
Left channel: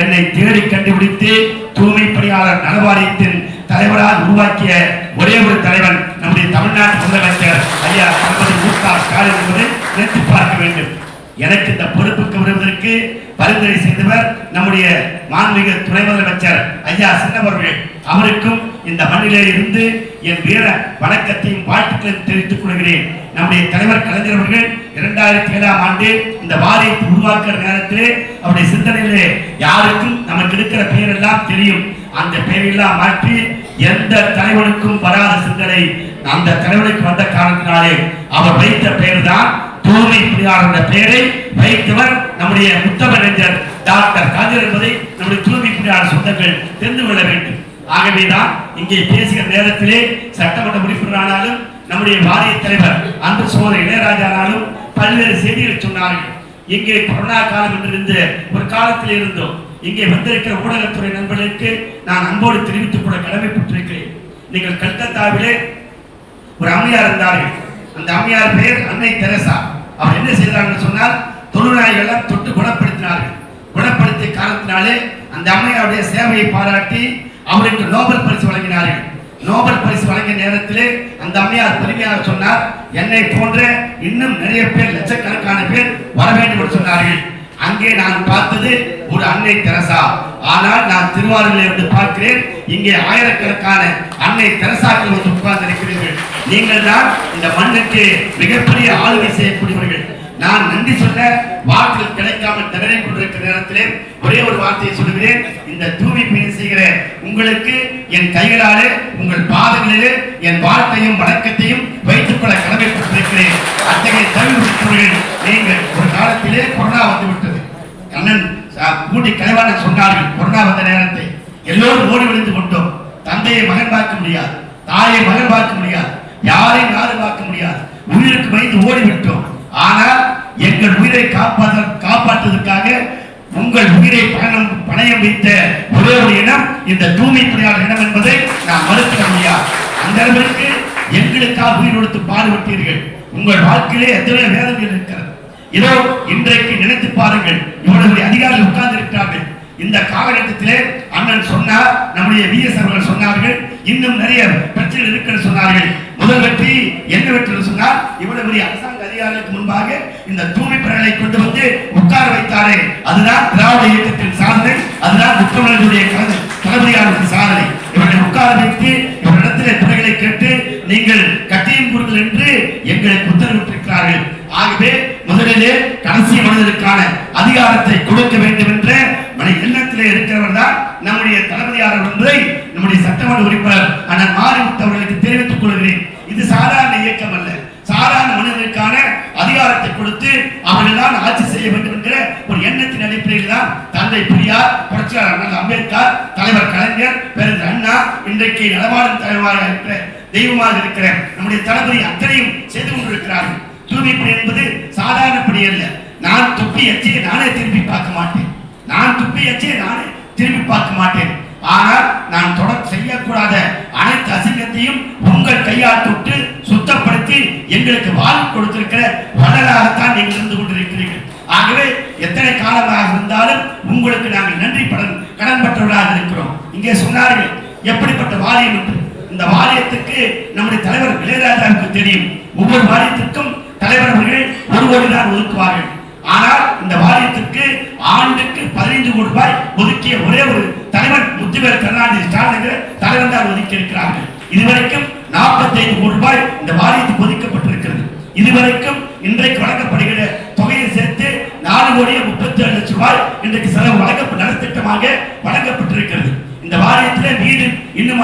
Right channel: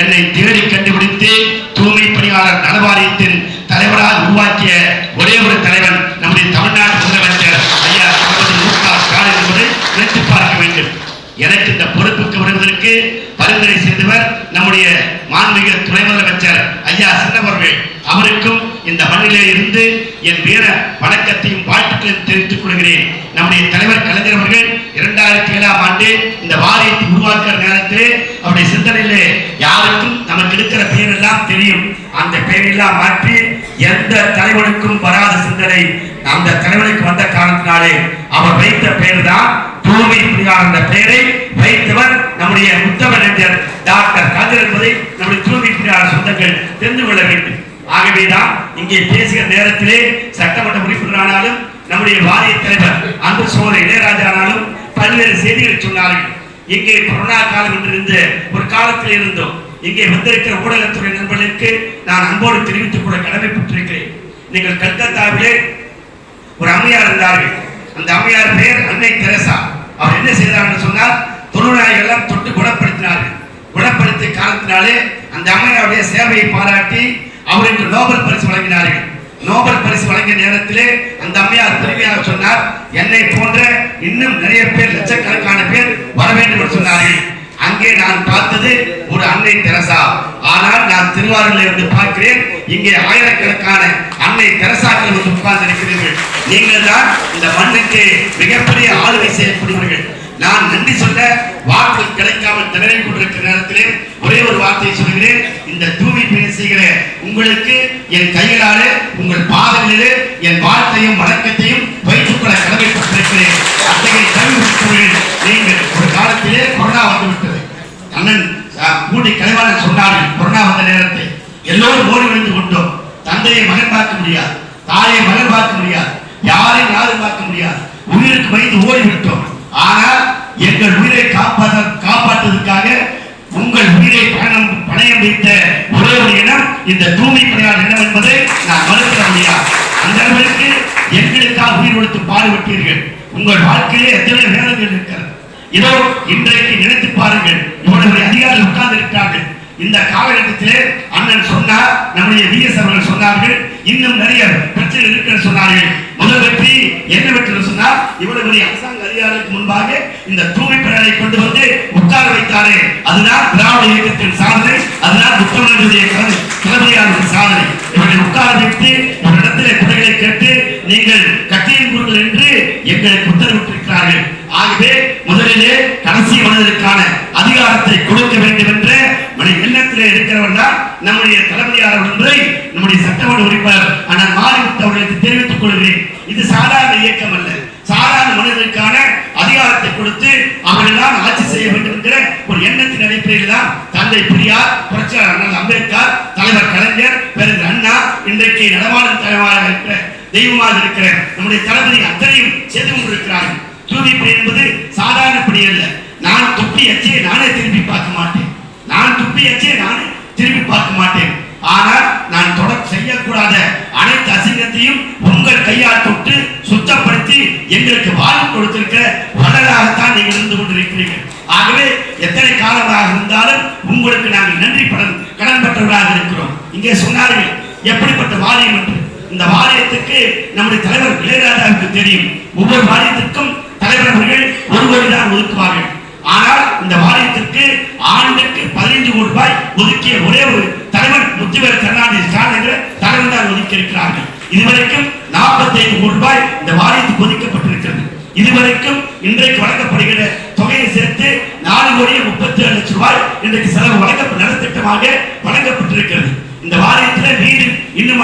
என்னை தேடி கண்டுபிடித்து தூய்மை பணியாளர் நலவாரியத்தின் தலைவராக உருவாக்கிய ஒரே ஒரு தலைவன் நம்முடைய தமிழ்நாடு முதலமைச்சர் ஐயா தளபதி மு.க. ஸ்டாலின் என்பதை நினைத்து பார்க்க வேண்டும். எனக்கு இந்த பொறுப்புக்கு வருவதற்கு பரிந்துரை செய்தவர் நம்முடைய மாண்புமிகு துணை முதலமைச்சர் ஐயா சின்னவர்கள். அவருக்கும் இந்த மண்ணிலே இருந்து என் வீர வணக்கத்தையும் வாழ்த்துக்களையும் தெரிவித்துக் கொள்கிறேன். நம்முடைய தலைவர் கலைஞர் அவர்கள் 2007ஆம் ஆண்டு இந்த வாரியத்தை உருவாக்குற நேரத்திலே அவருடைய சிந்தனையிலே யாருக்கும் நமக்கு இருக்கிற பெயர் எல்லாம் தெரியும். அந்த பெயரெல்லாம் மாற்றி எந்த தலைவனுக்கும் வராத சிந்தனை அந்த தலைவனுக்கு வந்த காரணத்தினாலே அவர் வைத்த பெயர் தான் தூய்மை பணியாளர் என்ற பெயரை வைத்தவர் நம்முடைய முத்தமிழறிஞர் டாக்டர் கலைஞர் என்பதை நம்முடைய தூய்மை பணியாளர் சொந்தங்கள் தெரிந்து கொள்ள வேண்டும். ஆகவேதான் இங்கே பேசுகிற நேரத்திலே சட்டமன்ற உறுப்பினரானாலும் நம்முடைய வாரிய தலைவர் அன்பு சோதரி இளையராஜானாலும் பல்வேறு செய்திகள் சொன்னார்கள். இங்கே கொரோனா காலம் என்றிருந்த ஒரு காலத்தில் இருந்தோம். இங்கே வந்திருக்கிற ஊடகத்துறை நண்பர்களுக்கு நான் அன்போடு தெரிவித்துக் கொள்ள கடமைப்பட்டிருக்கிறேன். நீங்கள் கல்கத்தாவிலே ஒரு அம்மையார் இருந்தார்கள். அந்த அம்மையார் பெயர் அன்னை தெரசா. அவர் என்ன செய்தார்கள் சொன்னால், தொழுநோயாளிகள் தொட்டு குணப்படுத்தினார்கள். குணப்படுத்திய காரணத்தினாலே அந்த அம்மையாருடைய சேவையை பாராட்டி அவருக்கு நோபல் பரிசு வழங்கினார்கள். நோபல் பரிசு வழங்கிய நேரத்திலே அந்த அம்மையார் பெருமையாக சொன்னார், என்னை போன்ற இன்னும் நிறைய பேர், லட்சக்கணக்கான பேர் வர வேண்டும் என்று சொன்னார்கள். அங்கே நான் பார்த்தது ஒரு அன்னை தெரசா. ஆனால் நான் திருவாரூரில் இருந்து பார்க்கிறேன், இங்கே ஆயிரக்கணக்கான அன்னை தெரசாக்கள் வந்து உட்கார்ந்து இருக்கிறீர்கள். நீங்கள் தான் இந்த மண்ணுக்கு மிகப்பெரிய ஆளுகை செய்யக்கூடியவர்கள். நான் நன்றி சொல்ல வார்த்தைகள் கிடைக்காமல் திணறிக் கொண்டிருக்கிற நேரத்திலே ஒரே ஒரு வார்த்தையை சொல்கிறேன். இந்த தூய்மை பணி செய்கிற உங்களுக்கு என் கைகளாலே உங்கள் பாதங்களிலே என் வாழ்த்தையும் வணக்கத்தையும் வைத்துக் கொள்ள கடமைப்பட்டிருக்கிறேன். அத்தகைய கல்வி நீங்கள் ஒரு காலத்திலே கொரோனா வந்துவிட்டது. அண்ணன் கூடி கலைவாளர் சொன்னார்கள், கொரோனா வந்த நேரத்தில் எல்லோரும் ஓடி விழுந்து கொண்டோம். தந்தையை மகன் பார்க்க முடியாது, தாயை மகன் பார்க்க முடியாது, யாரையும் யாரும் பார்க்க முடியாது, உயிருக்கு பயந்து ஓடிவிட்டோம். ஆனால் எங்கள் உயிரை காப்பாற்றுவதற்காக உங்கள் உயிரை பணயம் வைத்த ஒரே ஒரு இனம் இந்த தூய்மை பணியாளர் இனம் என்பதை நான் மறுக்க முடியாது. அந்த அளவிற்கு எங்களுக்காக உயிர் கொடுத்து பாடுபட்டீர்கள். உங்கள் வாழ்க்கையிலே எத்தனை வேதனைகள் இருக்கிறது. இதோ இன்றைக்கு நினைத்து பாருங்கள், இவ்வளவு அதிகாரிகள் உட்கார்ந்து இருக்கிறார்கள். இந்த காலகட்டத்திலே அண்ணன் சொன்னார், நம்முடைய விஎஸ் அவர்கள் சொன்னார்கள், இன்னும் நிறைய பிரச்சனை இருக்கிறது சொன்னார்கள். முதல் வெற்றி என்ன வெற்றி சொன்னார், இவ்வளவு அரசாங்க அதிகாரிகளுக்கு முன்பாக இந்த தூய்மை பணிகளை கொண்டு வந்து உட்கார வைத்தாரே, அதுதான் திராவிட இயக்கத்தின் சாதனை, அதுதான் முத்தமிழர்களுடைய தலைமையாளர்கள் சாதனை. இவர்களை உட்கார வைத்து இவரிடத்திலே குறைகளை கேட்டு நீங்கள் கட்சியின் கூறுகள் என்று எங்களுக்கு உத்தரவிட்டிருக்கிறார்கள். ஆகவே முதலிலே கடைசி மனிதனுக்கான அதிகாரத்தை கொடுக்க வேண்டும் என்ற எண்ணத்திலே இருக்கிறவர் தான் நம்முடைய தலைமையாளர் ஒன்றை நம்முடைய சட்டமன்ற உறுப்பினர் அண்ணன் மாரிமுத்து அவர்களுக்கு தெரிவித்துக் கொள்கிறேன். இது சாதாரண இயக்கம் அல்ல. சாதாரண மனிதனுக்கான அதிகாரத்தை கொடுத்து அவர்கள் தான் ஆட்சி செய்ய வேண்டும் என்கிற ஒரு எண்ணத்தின் அடிப்படையில் தான் தந்தை பெரியார், புரட்சியாளர் அண்ணல் அம்பேத்கர், தலைவர் கலைஞர், பேரறிஞர் அண்ணா, இன்றைக்கு நடமாடும் தலைவராக இருக்கிற தெய்வமாக இருக்கிற நம்முடைய தளபதி அத்தனையும் செய்து கொண்டிருக்கிறார்கள். தூய்மை பணி என்பது சாதாரண பணி அல்ல. நான் துப்பி எச்சியை நானே திரும்பி பார்க்க மாட்டேன். ஆனால் நான் தொடர் செய்யக்கூடாத அனைத்து அசிங்கத்தையும் உங்கள் கையால் தொட்டு சுத்தப்படுத்தி எங்களுக்கு வாழ்வு கொடுத்திருக்கிற வளராகத்தான் நீங்கள் இருந்து கொண்டிருக்கிறீர்கள். ஆகவே எத்தனை காலமாக இருந்தாலும் உங்களுக்கு நாங்கள் நன்றி கடன்பட்டவர்களாக இருக்கிறோம். இங்கே சொன்னார்கள் எப்படிப்பட்ட வாரியம் என்று. இந்த வாரியத்துக்கு நம்முடைய தலைவர் இளையராஜாவுக்கு தெரியும். ஒவ்வொரு வாரியத்திற்கும் தலைவர் அவர்கள் 1 கோடி தான் ஒதுக்குவார்கள். ஆனால் இந்த வாரியத்திற்கு ஆண்டுக்கு 15 கோடி ரூபாய் ஒதுக்கிய ஒரே ஒரு தலைவர் முத்துவேல் கருணாநிதி ஸ்டாலின் தலைவர் தான் ஒதுக்கி இருக்கிறார்கள். இதுவரைக்கும் 45 கோடி ரூபாய் இந்த வாரியத்துக்கு ஒதுக்கப்பட்டிருக்கிறது. இதுவரைக்கும் இன்றைக்கு வழங்கப்படுகிற தொகையை சேர்த்து 4 கோடியே 37 லட்சம் ரூபாய் இன்றைக்கு செலவு நலத்திட்டமாக வழங்கப்பட்டிருக்கிறது. இந்த வாரியத்தில் மீது இன்னும்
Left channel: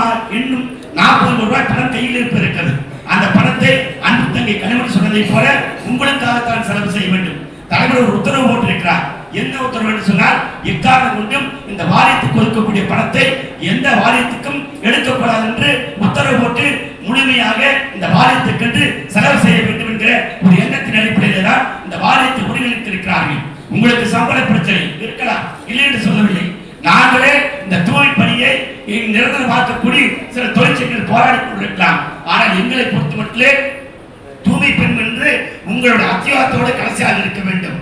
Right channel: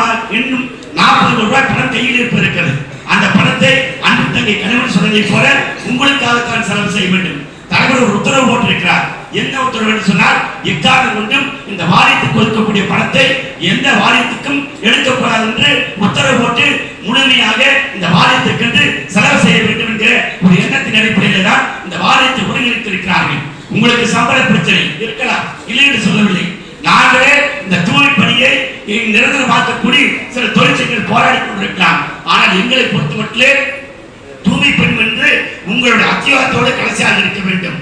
40 கோடி ரூபாய் பணம் கையில் இருக்கிறது. அந்த பணத்தை அன்பு தங்கை கனிமொழி சொன்னதை போல உங்களுக்காகத்தான் செலவு செய்ய வேண்டும். தலைவர் ஒரு உத்தரவு போட்டிருக்கிறார். என்ன உத்தரவு என்று சொன்னால், எக்காரணம் கொண்டும் இந்த வாரியத்துக்கு ஒதுக்கக்கூடிய பணத்தை எந்த வாரியத்துக்கும் எடுக்கக்கூடாது என்று உத்தரவு போட்டு முழுமையாக இந்த வாரியத்துக்கு செலவு செய்ய வேண்டும் என்கிற ஒரு எண்ணத்தின் அடிப்படையில் தான் இந்த வாரியத்தை ஒருங்கிணைத்திருக்கிறார்கள். உங்களுக்கு சம்பள பிரச்சனை இருக்கலாம், இல்லை என்று சொல்லவில்லை. நாங்களே இந்த தூய்மை பணியை நிரந்தரமாக்கக்கூடிய சில தொழிற்சங்கங்கள் போராடி கொண்டிருக்கலாம். ஆனால் எங்களை பொறுத்த மட்டும் தூய்மை பணி என்று உங்களுடைய அத்தியாவத்தோடு கடைசியாக இருக்க வேண்டும்.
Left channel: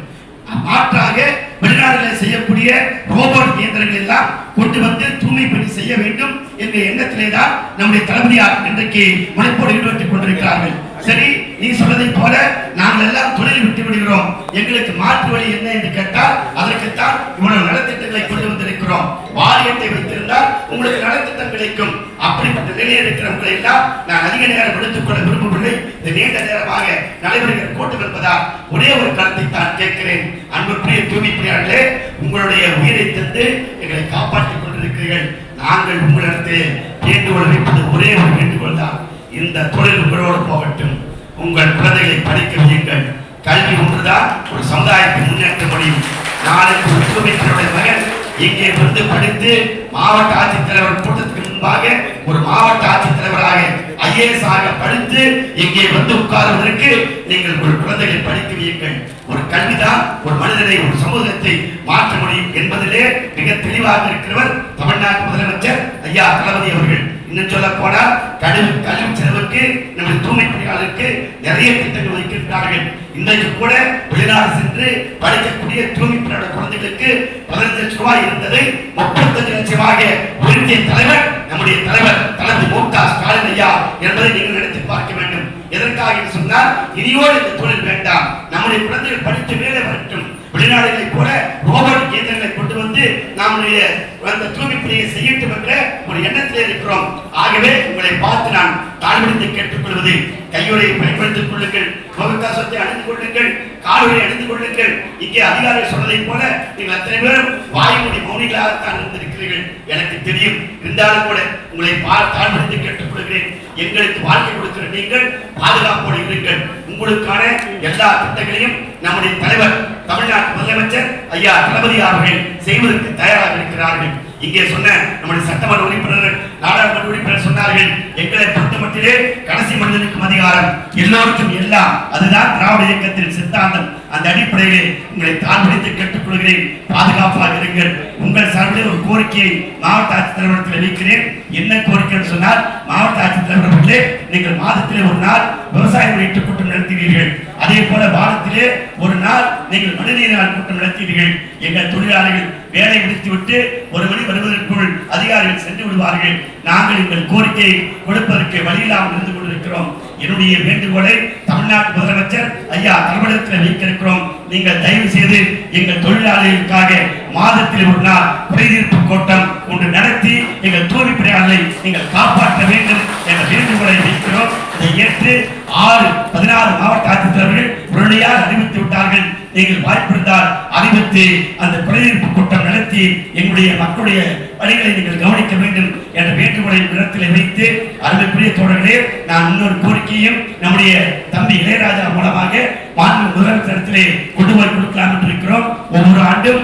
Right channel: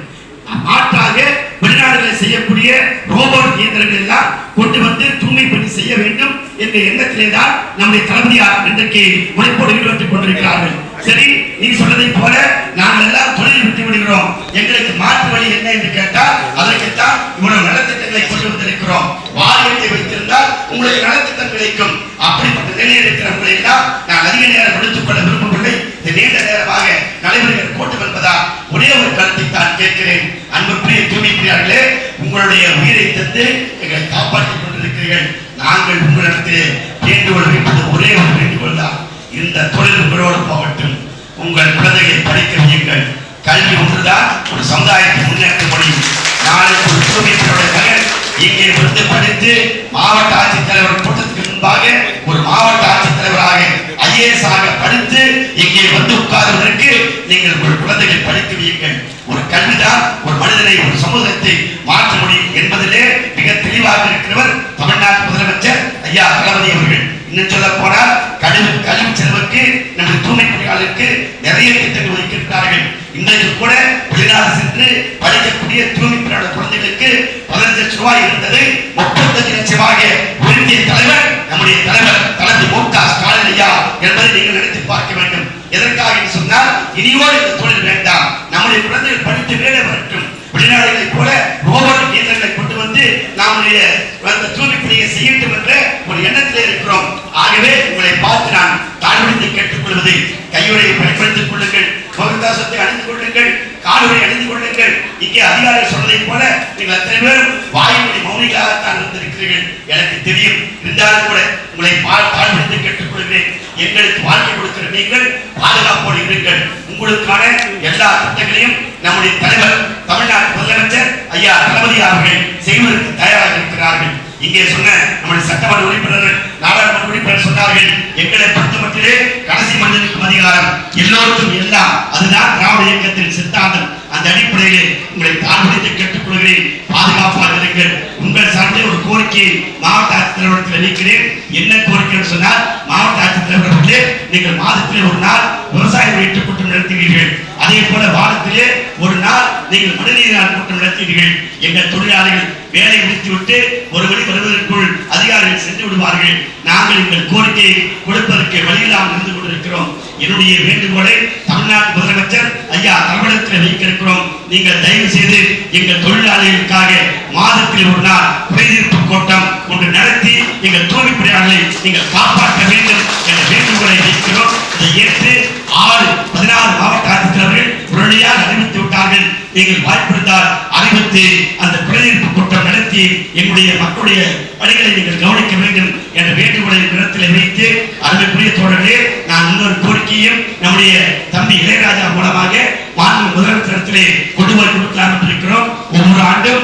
மாற்றாக வெளிநாடுகளில் செய்யக்கூடிய ரோபோட் இயந்திரங்கள் எல்லாம் கொண்டு வந்து தூய்மை பணி செய்ய வேண்டும் என்ற எண்ணத்திலே தான் நம்முடைய தளபதியார் இன்றைக்கு முனைப்போடு ஈடுபட்டுக் கொண்டிருக்கிறார்கள். சரி, நீ சொன்னதை போல நாங்கள் எல்லாம் தொழில் விட்டு விடுகிறோம், எங்களுக்கு மாற்று வழி என்ன என்று கேட்டால் அதற்குத்தான் இவ்வளவு நலத்திட்டங்களை கொண்டு வந்திருக்கிறோம். வாரியத்தை வைத்திருந்தால் உங்களுக்கு நலத்திட்டம் கிடைக்கும். அப்படிப்பட்ட நிலையில் இருக்கிறவர்களை எல்லாம் நான் அதிக நேரம் எடுத்துக் கொள்ள விரும்பவில்லை. இந்த நீண்ட நேரமாக நடைமுறைகள் போட்டுக் கொள்வதால் ஒரே ஒரு கருத்தை தான் கேட்கிறேன். அன்புக்குரிய தூய்மை பணியாளர்களே, உங்களுடைய உயிரை தந்து எங்களை காப்பாற்றிக் கொண்டிருக்கிறீர்கள். நாங்கள் உங்களிடத்தில் வேண்டுகோள் வைப்பது ஒரே ஒரு வேண்டுகோள் தான். இந்த தொழில் உங்களோடு போகட்டும். உங்கள் குழந்தைகளை படிக்க வையுங்கள். கல்வி ஒன்றுதான் ஒரு சமுதாயத்தை முன்னேற்ற முடியும். நாளைக்கு ஒரு தூய்மை மகன் இங்கே வந்து படித்து மாவட்ட ஆட்சித்தலைவர் கூட்டத்துக்கு முன்பாக ஒரு மாவட்ட ஆட்சித்தலைவராக IAS ஆக படித்து இங்கே வந்து உட்காருவதற்கு நீங்கள் ஒரு குழந்தைகளை படிக்க வையுங்கள். ஒரு கல்விதான் ஒரு மனிதனை ஒரு சமூகத்தை மாற்ற முடியும் என்பதிலே மிக தெளிவாக இருக்கிறவர் தமிழ்நாட்டு முதலமைச்சர் ஐயா தளபதி அவர்கள். இன்னும் சொல்ல போனால் கல்வி செலவுக்கு நம்முடைய தூய்மை பணியாளருக்கு நிறைய திட்டங்கள் ஒதுக்கியிருக்கிறார்கள். இன்றைக்கு கூட வெளிநாடு சென்று படிக்கக்கூடிய தூய்மை பணியாளர் குழந்தைகளுக்கு 15 லட்சம் ரூபாய் இருந்தது 35 லட்சமாக உயர்த்திய தலைவர் நம்முடைய தலைவர் தளபதி மு.க. ஸ்டாலின் ஐயா என்பதை நீங்கள் நினைத்து பார்க்க வேண்டும். எதற்காக என்று சொன்னால், இனியோடு இந்த தொழில் வேண்டாம், நம்முடைய குழந்தைகள் படித்து வேலை வரட்டும். வெளிநாடுகளை போல ரோபோட் இயந்திரங்களை கொண்டு வந்து நம்முடைய தூய்மை பணியை செய்யட்டும் என்ற ஒரு எண்ணத்திலே இருக்கிறோம். ஆகவே உங்களை பார்த்து நான் தாழ்வடைந்து கேட்டுக்கொள்வது, கையுறையை பயன்படுத்திக் கொள்ளுங்கள், முகக்கவசத்தை அணிந்து கொள்ளுங்கள், காலுறை அணிந்து கொள்ளுங்கள். இங்கே அதிகாரிகள் சொன்னதை போல நீங்கள் அத்தனை பேரும் வாயினுடைய மௌனிகளாகத்தான் இருந்திருக்கிறீர்கள், எனக்கு தெரியும். இருந்தாலும் கூட உங்களை தாழ்வடைந்து கேட்டுக்கொள்கிறேன். எங்களுக்கு வாழ்க்கை கொடுக்கிற நீங்கள் பாதுகாப்போடு இருங்கள். உங்களுக்கான எல்லா திட்டங்களையும் நம்முடைய தலைவர் தமிழ்நாட்டு முதலமைச்சர் ஐயா தளபதி அவர்கள் செய்வதற்கு தயாராக இருக்கிறார்கள். இங்கே சொன்ன நம்முடைய சட்டமன்ற உறுப்பினர்கள், நாடாளுமன்ற உறுப்பினர் சொன்னார்கள், எங்களை பொறுத்த மட்டிலே கடைசி மனிதனுக்கும் அதிகாரம், எல்லோருக்கும் எல்லாம். அதுதான் திராவிட இயக்கத்தின் சித்தாந்தம். அந்த அடிப்படையிலே உங்களை தாழ்வடைத்து கேட்டுக்கொள்கிறேன், பாதுகாப்பாக இருங்கள். உங்கள் சார்பிலே ஒரு கோரிக்கையை மாவட்ட ஆட்சித்தலைவரத்தில் வைக்கிறேன். என்ன கோரிக்கை என்று சொன்னால், மாவட்ட ஆட்சித்தலைவர்களே, நீங்கள் மாதத்திலே ஒரு நாள் விவசாய வெளியீட்டு கூட்டம் நடத்துவீர்கள். அதே போல வாரத்திலே ஒரு நாள் நீங்கள் மனிதநீர் நாள் கூட்டம் நடத்துவீர்கள். எங்கள் தொழிலாளர்கள் வேலை முடித்துவிட்டு ஒரு மணி வருவதற்குள் அதிகாரிகள் சென்று விடுவார்கள். நாங்கள் எங்கள் கோரிக்கையை கொடுப்பதற்கு வழியில்லாமல் இருந்து கொண்டிருக்கிறோம். என்னுடைய வேண்டுகோளை தமிழ்நாட்டு முதலமைச்சர் ஐயா தமிழகத்தில் வைக்க இருக்கிறோம். நீங்கள் தயவு செய்து எங்கள் தொழிலாளர்களுக்காக மாதத்தில் ஒரு நாள் குறைதீர்ப்பு கூட்டம் ஒன்று நடத்தி எங்கள் தூய்மை பணியாளர்களை நீங்கள் காப்பாற்ற வேண்டும் என்ற வேண்டுகோளை வைக்கிறோம். இதை ஏற்று 16 மாவட்ட ஆட்சித்தலைவர்கள் உடனடியாக அறிவித்து விட்டார்கள். நீங்கள் வாய்ப்பிருந்தால் அறிவித்து அந்த குறைதீர்ப்பு கூட்டம் நடத்தி எங்களுடைய மக்களுடைய பணிகளை நீங்கள் கவனிக்க வேண்டும் என்ற வேண்டுகோளை இடத்தில் வைத்து, அருமைக்குரிய தோழர்களே, நான் இன்னொரு கோரிக்கையும் நம்முடைய தம்பி இளையராஜா மூலமாக மாண்பு முதலமைச்சரிடத்திலே கொண்டு போய் கொடுக்கலாம் என்று இருக்கிறோம். ஒவ்வொரு ஆண்டும்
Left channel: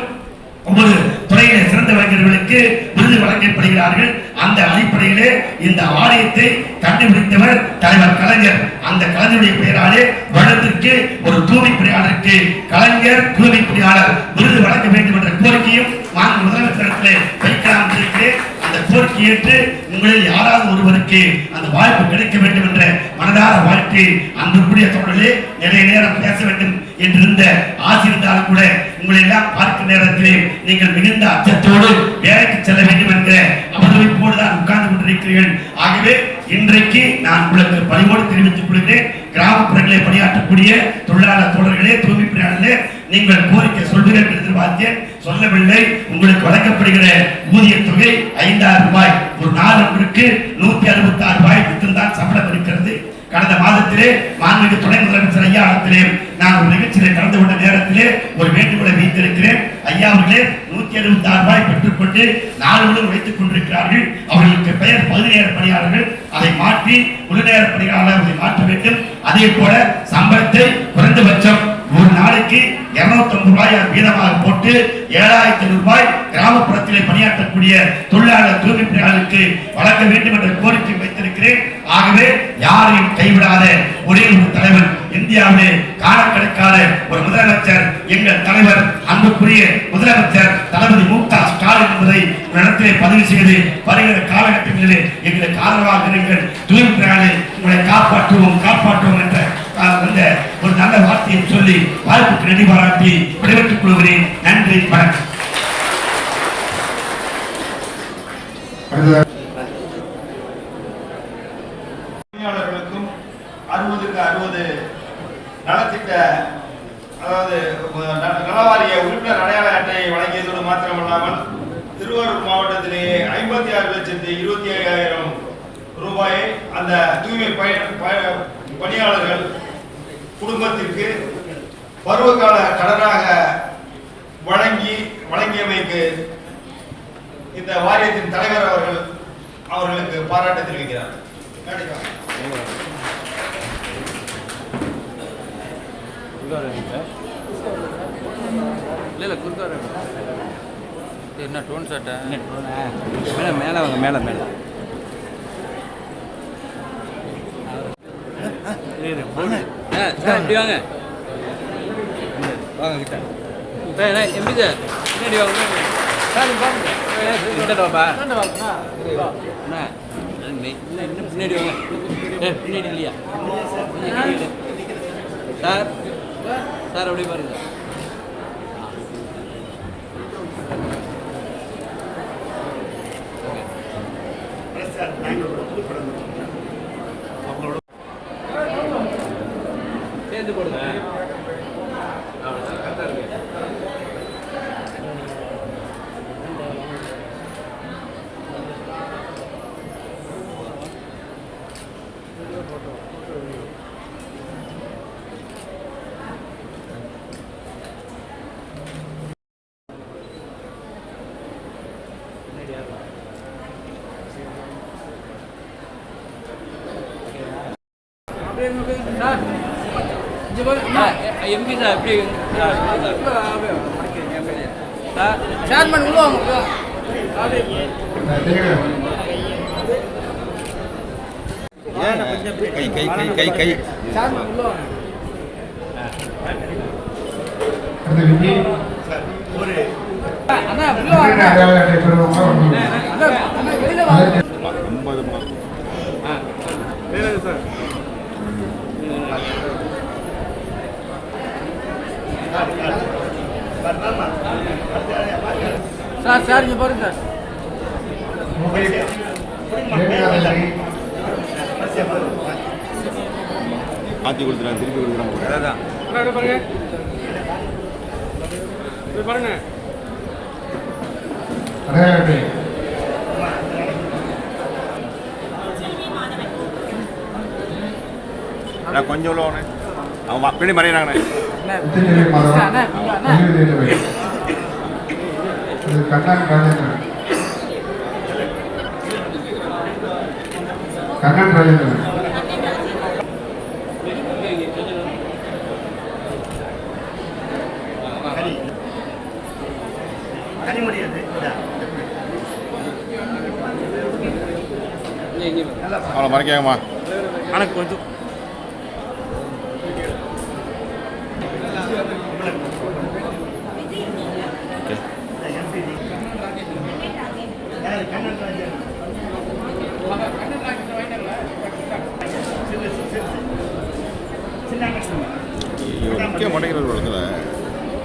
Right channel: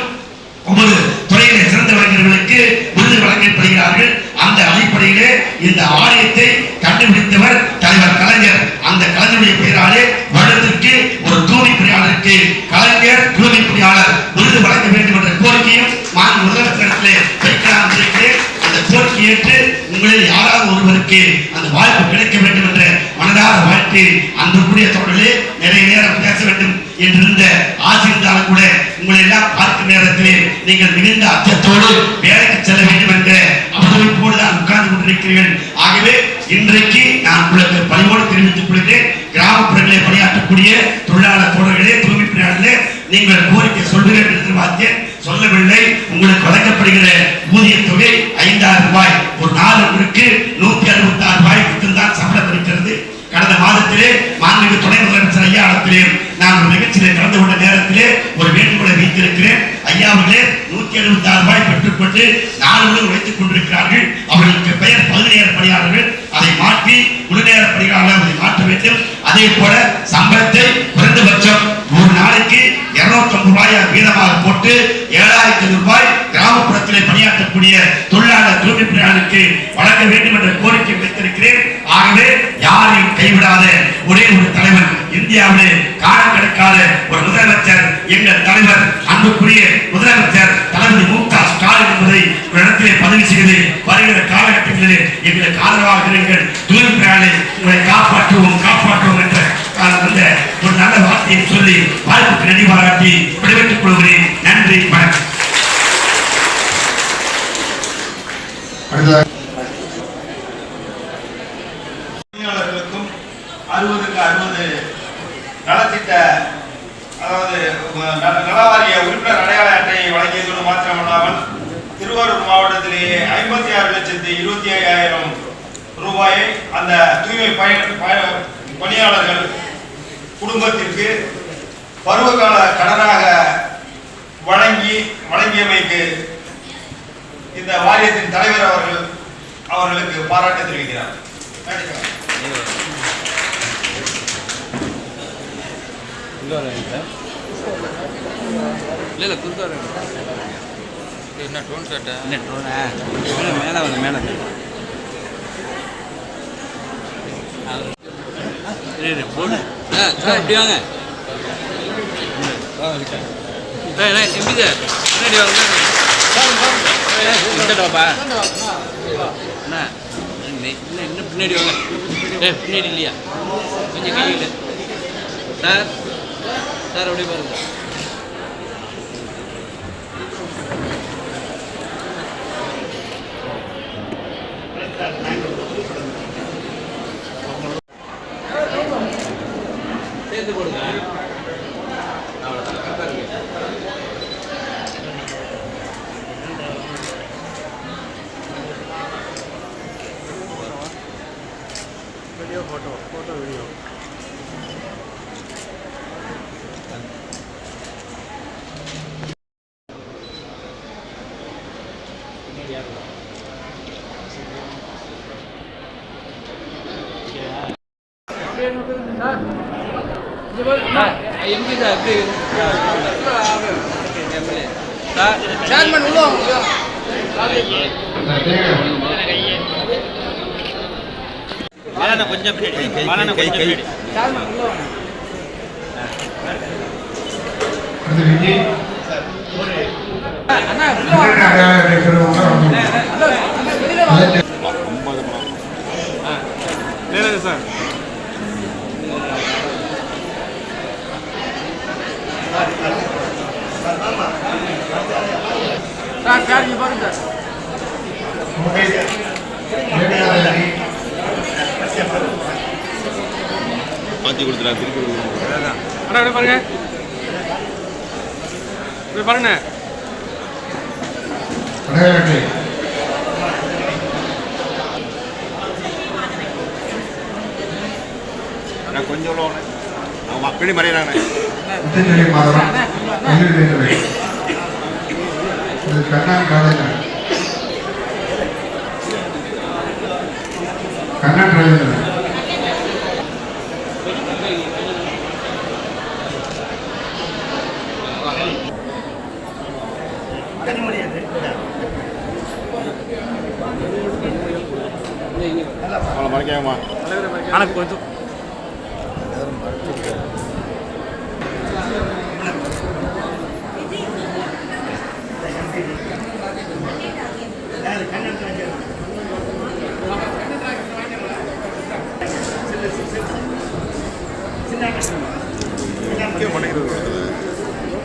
ஒவ்வொரு துறையிலே சிறந்த வழங்கர்களுக்கு விருது வழங்கப்படுகிறார்கள். அந்த அடிப்படையிலே இந்த ஆணையத்தை கண்டுபிடித்தவர் தலைவர் கலைஞர். அந்த கலைஞருடைய பெயராலே வருடத்திற்கு ஒரு தூய்மை பணியாளருக்கு கலைஞர் தூய்மை பணியாளர் விருது வழங்க வேண்டும் என்ற கோரிக்கையும் மாண்பு முதலமைச்சரிடத்திலே வைக்கலாம் இருக்கிறேன். அந்த கோரிக்கை ஏற்று உங்களில் யாராவது ஒருவருக்கு அந்த வாய்ப்பு கிடைக்க வேண்டும் என்ற மனதார வாழ்த்து. அன்புக்குரிய தோழர்களே, நிறைய நேரம் பேச வேண்டும் என்றிருந்த ஆசிரியர்களால் கூட உங்களை எல்லாம் பார்க்கும் நேரத்திலே நீங்கள் மிகுந்த அச்சத்தோடு வேலைக்கு செல்ல வேண்டும் என்ற அவதவிப்போடு தான் உட்கார்ந்து கொண்டிருக்கிறீர்கள். ஆகவே இன்றைக்கு நான் உங்களுக்கு பணிவோடு தெரிவித்துக் கொள்கிறேன். கிராமப்புறங்களில் பணியாற்றக்கூடிய தொழிலாளர் தோழர்களே, தூய்மை பணியாளர்களே, நீங்கள் கோரிக்கை சொல்வீர்கள் என்று எதிர்பார்த்தேன், சொல்லவில்லை. உங்களுக்கு வழங்கப்படுகிற ஊதிய தொகை 5000 ரூபாய். ஒரு நாள் ஒன்றுக்கு 166 ரூபாய் மட்டும்தான் சம்பளம் இருக்கிறது. கடந்த மாதத்திலே மாண்புமிகு துணை முதலமைச்சர் ஐயா இடத்திலே நான் ஒரு நிகழ்ச்சியிலே கலந்து கொண்ட நேரத்திலே ஒரு வேண்டுகோளை வைத்திருக்கிறேன். ஐயா அவர்களே 176 ரூபாய் பெற்றுக்கொண்டு நாளுடன் வைத்துக் கொண்டிருக்கிறார்கள். அவர்களுக்கு பெயர் 17 பணியாளர்கள். அதை மாற்றி முழுநேர பணியாளர்களை மாற்ற வேண்டும். அதே போல சம்பளத்தை குறைந்தபட்சம் ஒரு நாளைக்கு 250 ரூபாய் வீதமாக போட்டு 7000 ரூபாய் கிராமப்புறத்திலே பணியாற்றக்கூடிய தொழிலாளர் தூய்மை பணியாளருக்கு வழங்க வேண்டும் என்ற கோரிக்கை வைத்திருக்கிறேன். ஆகவே யாரையும் கைவிடாத ஒரே ஒரு தலைவர், இந்தியாவிலே காண கிடைக்காத ஒரு முதலமைச்சர், எங்கள் தலைவர் அன்புக்குரிய முதலமைச்சர் தளபதி மு.க. ஸ்டாலின் என்பதை இடத்திலே பதிவு செய்து வருகிற காலகட்டங்களிலே எங்களுக்கு ஆதரவாக இருங்கள். தூய்மை பணியாளரை உங்களை காப்பாற்றுவோம் என்ற அந்த ஒரு நல்ல வார்த்தையை சொல்லி வாய்ப்புக்கு நன்றி பாராட்டி விடைபெற்றுக் கொள்கிறேன். நன்றி, வணக்கம். பணியாளர்களுக்கும் 60க்கு 60 நலத்திட்ட, அதாவது நலவாரிய உறுப்பினர் அடையாள அட்டையை வழங்கியதோடு மாத்திரமல்லாமல் திருவாரூர் மாவட்டத்திலே 56,25,000 ரூபாயை அந்த தூய்மை பணியாளர்கள் குடும்பத்திற்கு பருவகால கடனாக வழங்கியமைக்கு இந்த வாரியத்தின் தலைவர் அவர்களுக்கு பாராட்டு தெரிவிக்கிறார். என்ன டோன் கேட்டேன், என்ன டோனா மேலே வாங்க, மேலே போன சார் இப்படி வாங்க. எப்படி சார் பின்னாடி வாங்க. பாப்பா அண்ணா இன்னும் பின்னாடி வாங்க. பின்னாடி இல்லையா, கொஞ்சம் கையில் சார் அப்படியே பாருங்க. சேர்ந்து போடுங்க. எப்படி சார் எப்படி சேர்மன் கொஞ்சம் சார் இங்க பாருங்க மாற்றி கொடுத்துறேன், திருப்பி கொடுக்குறேன். அதான் அண்ணா பாருங்க, பாருங்க கொஞ்சம் அவங்க அப்படி மறையிறாங்க. கண்ணன் ராஜேந்திரன் மறைக்காங்கம்மா. ஆனால் கொஞ்சம்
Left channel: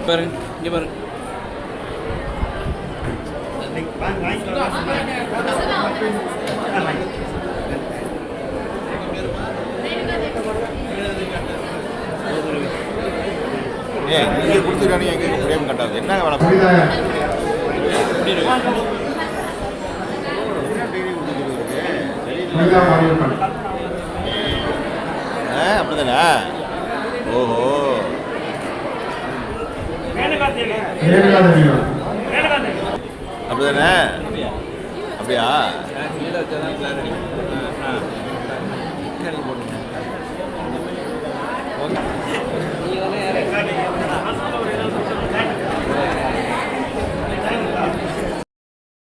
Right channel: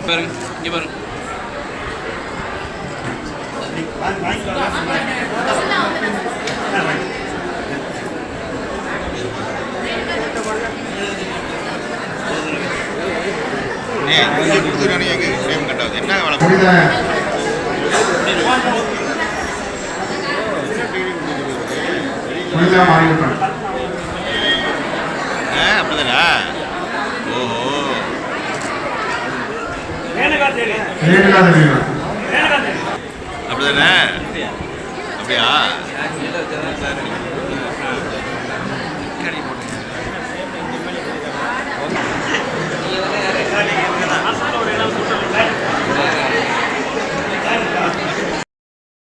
பாருங்க இங்கே பாருங்க. புனிதா மாரியப்பன். அப்படிதானா? ஓஹோ. ரேணுகாதேவி. அப்படிதானே? அப்படியா?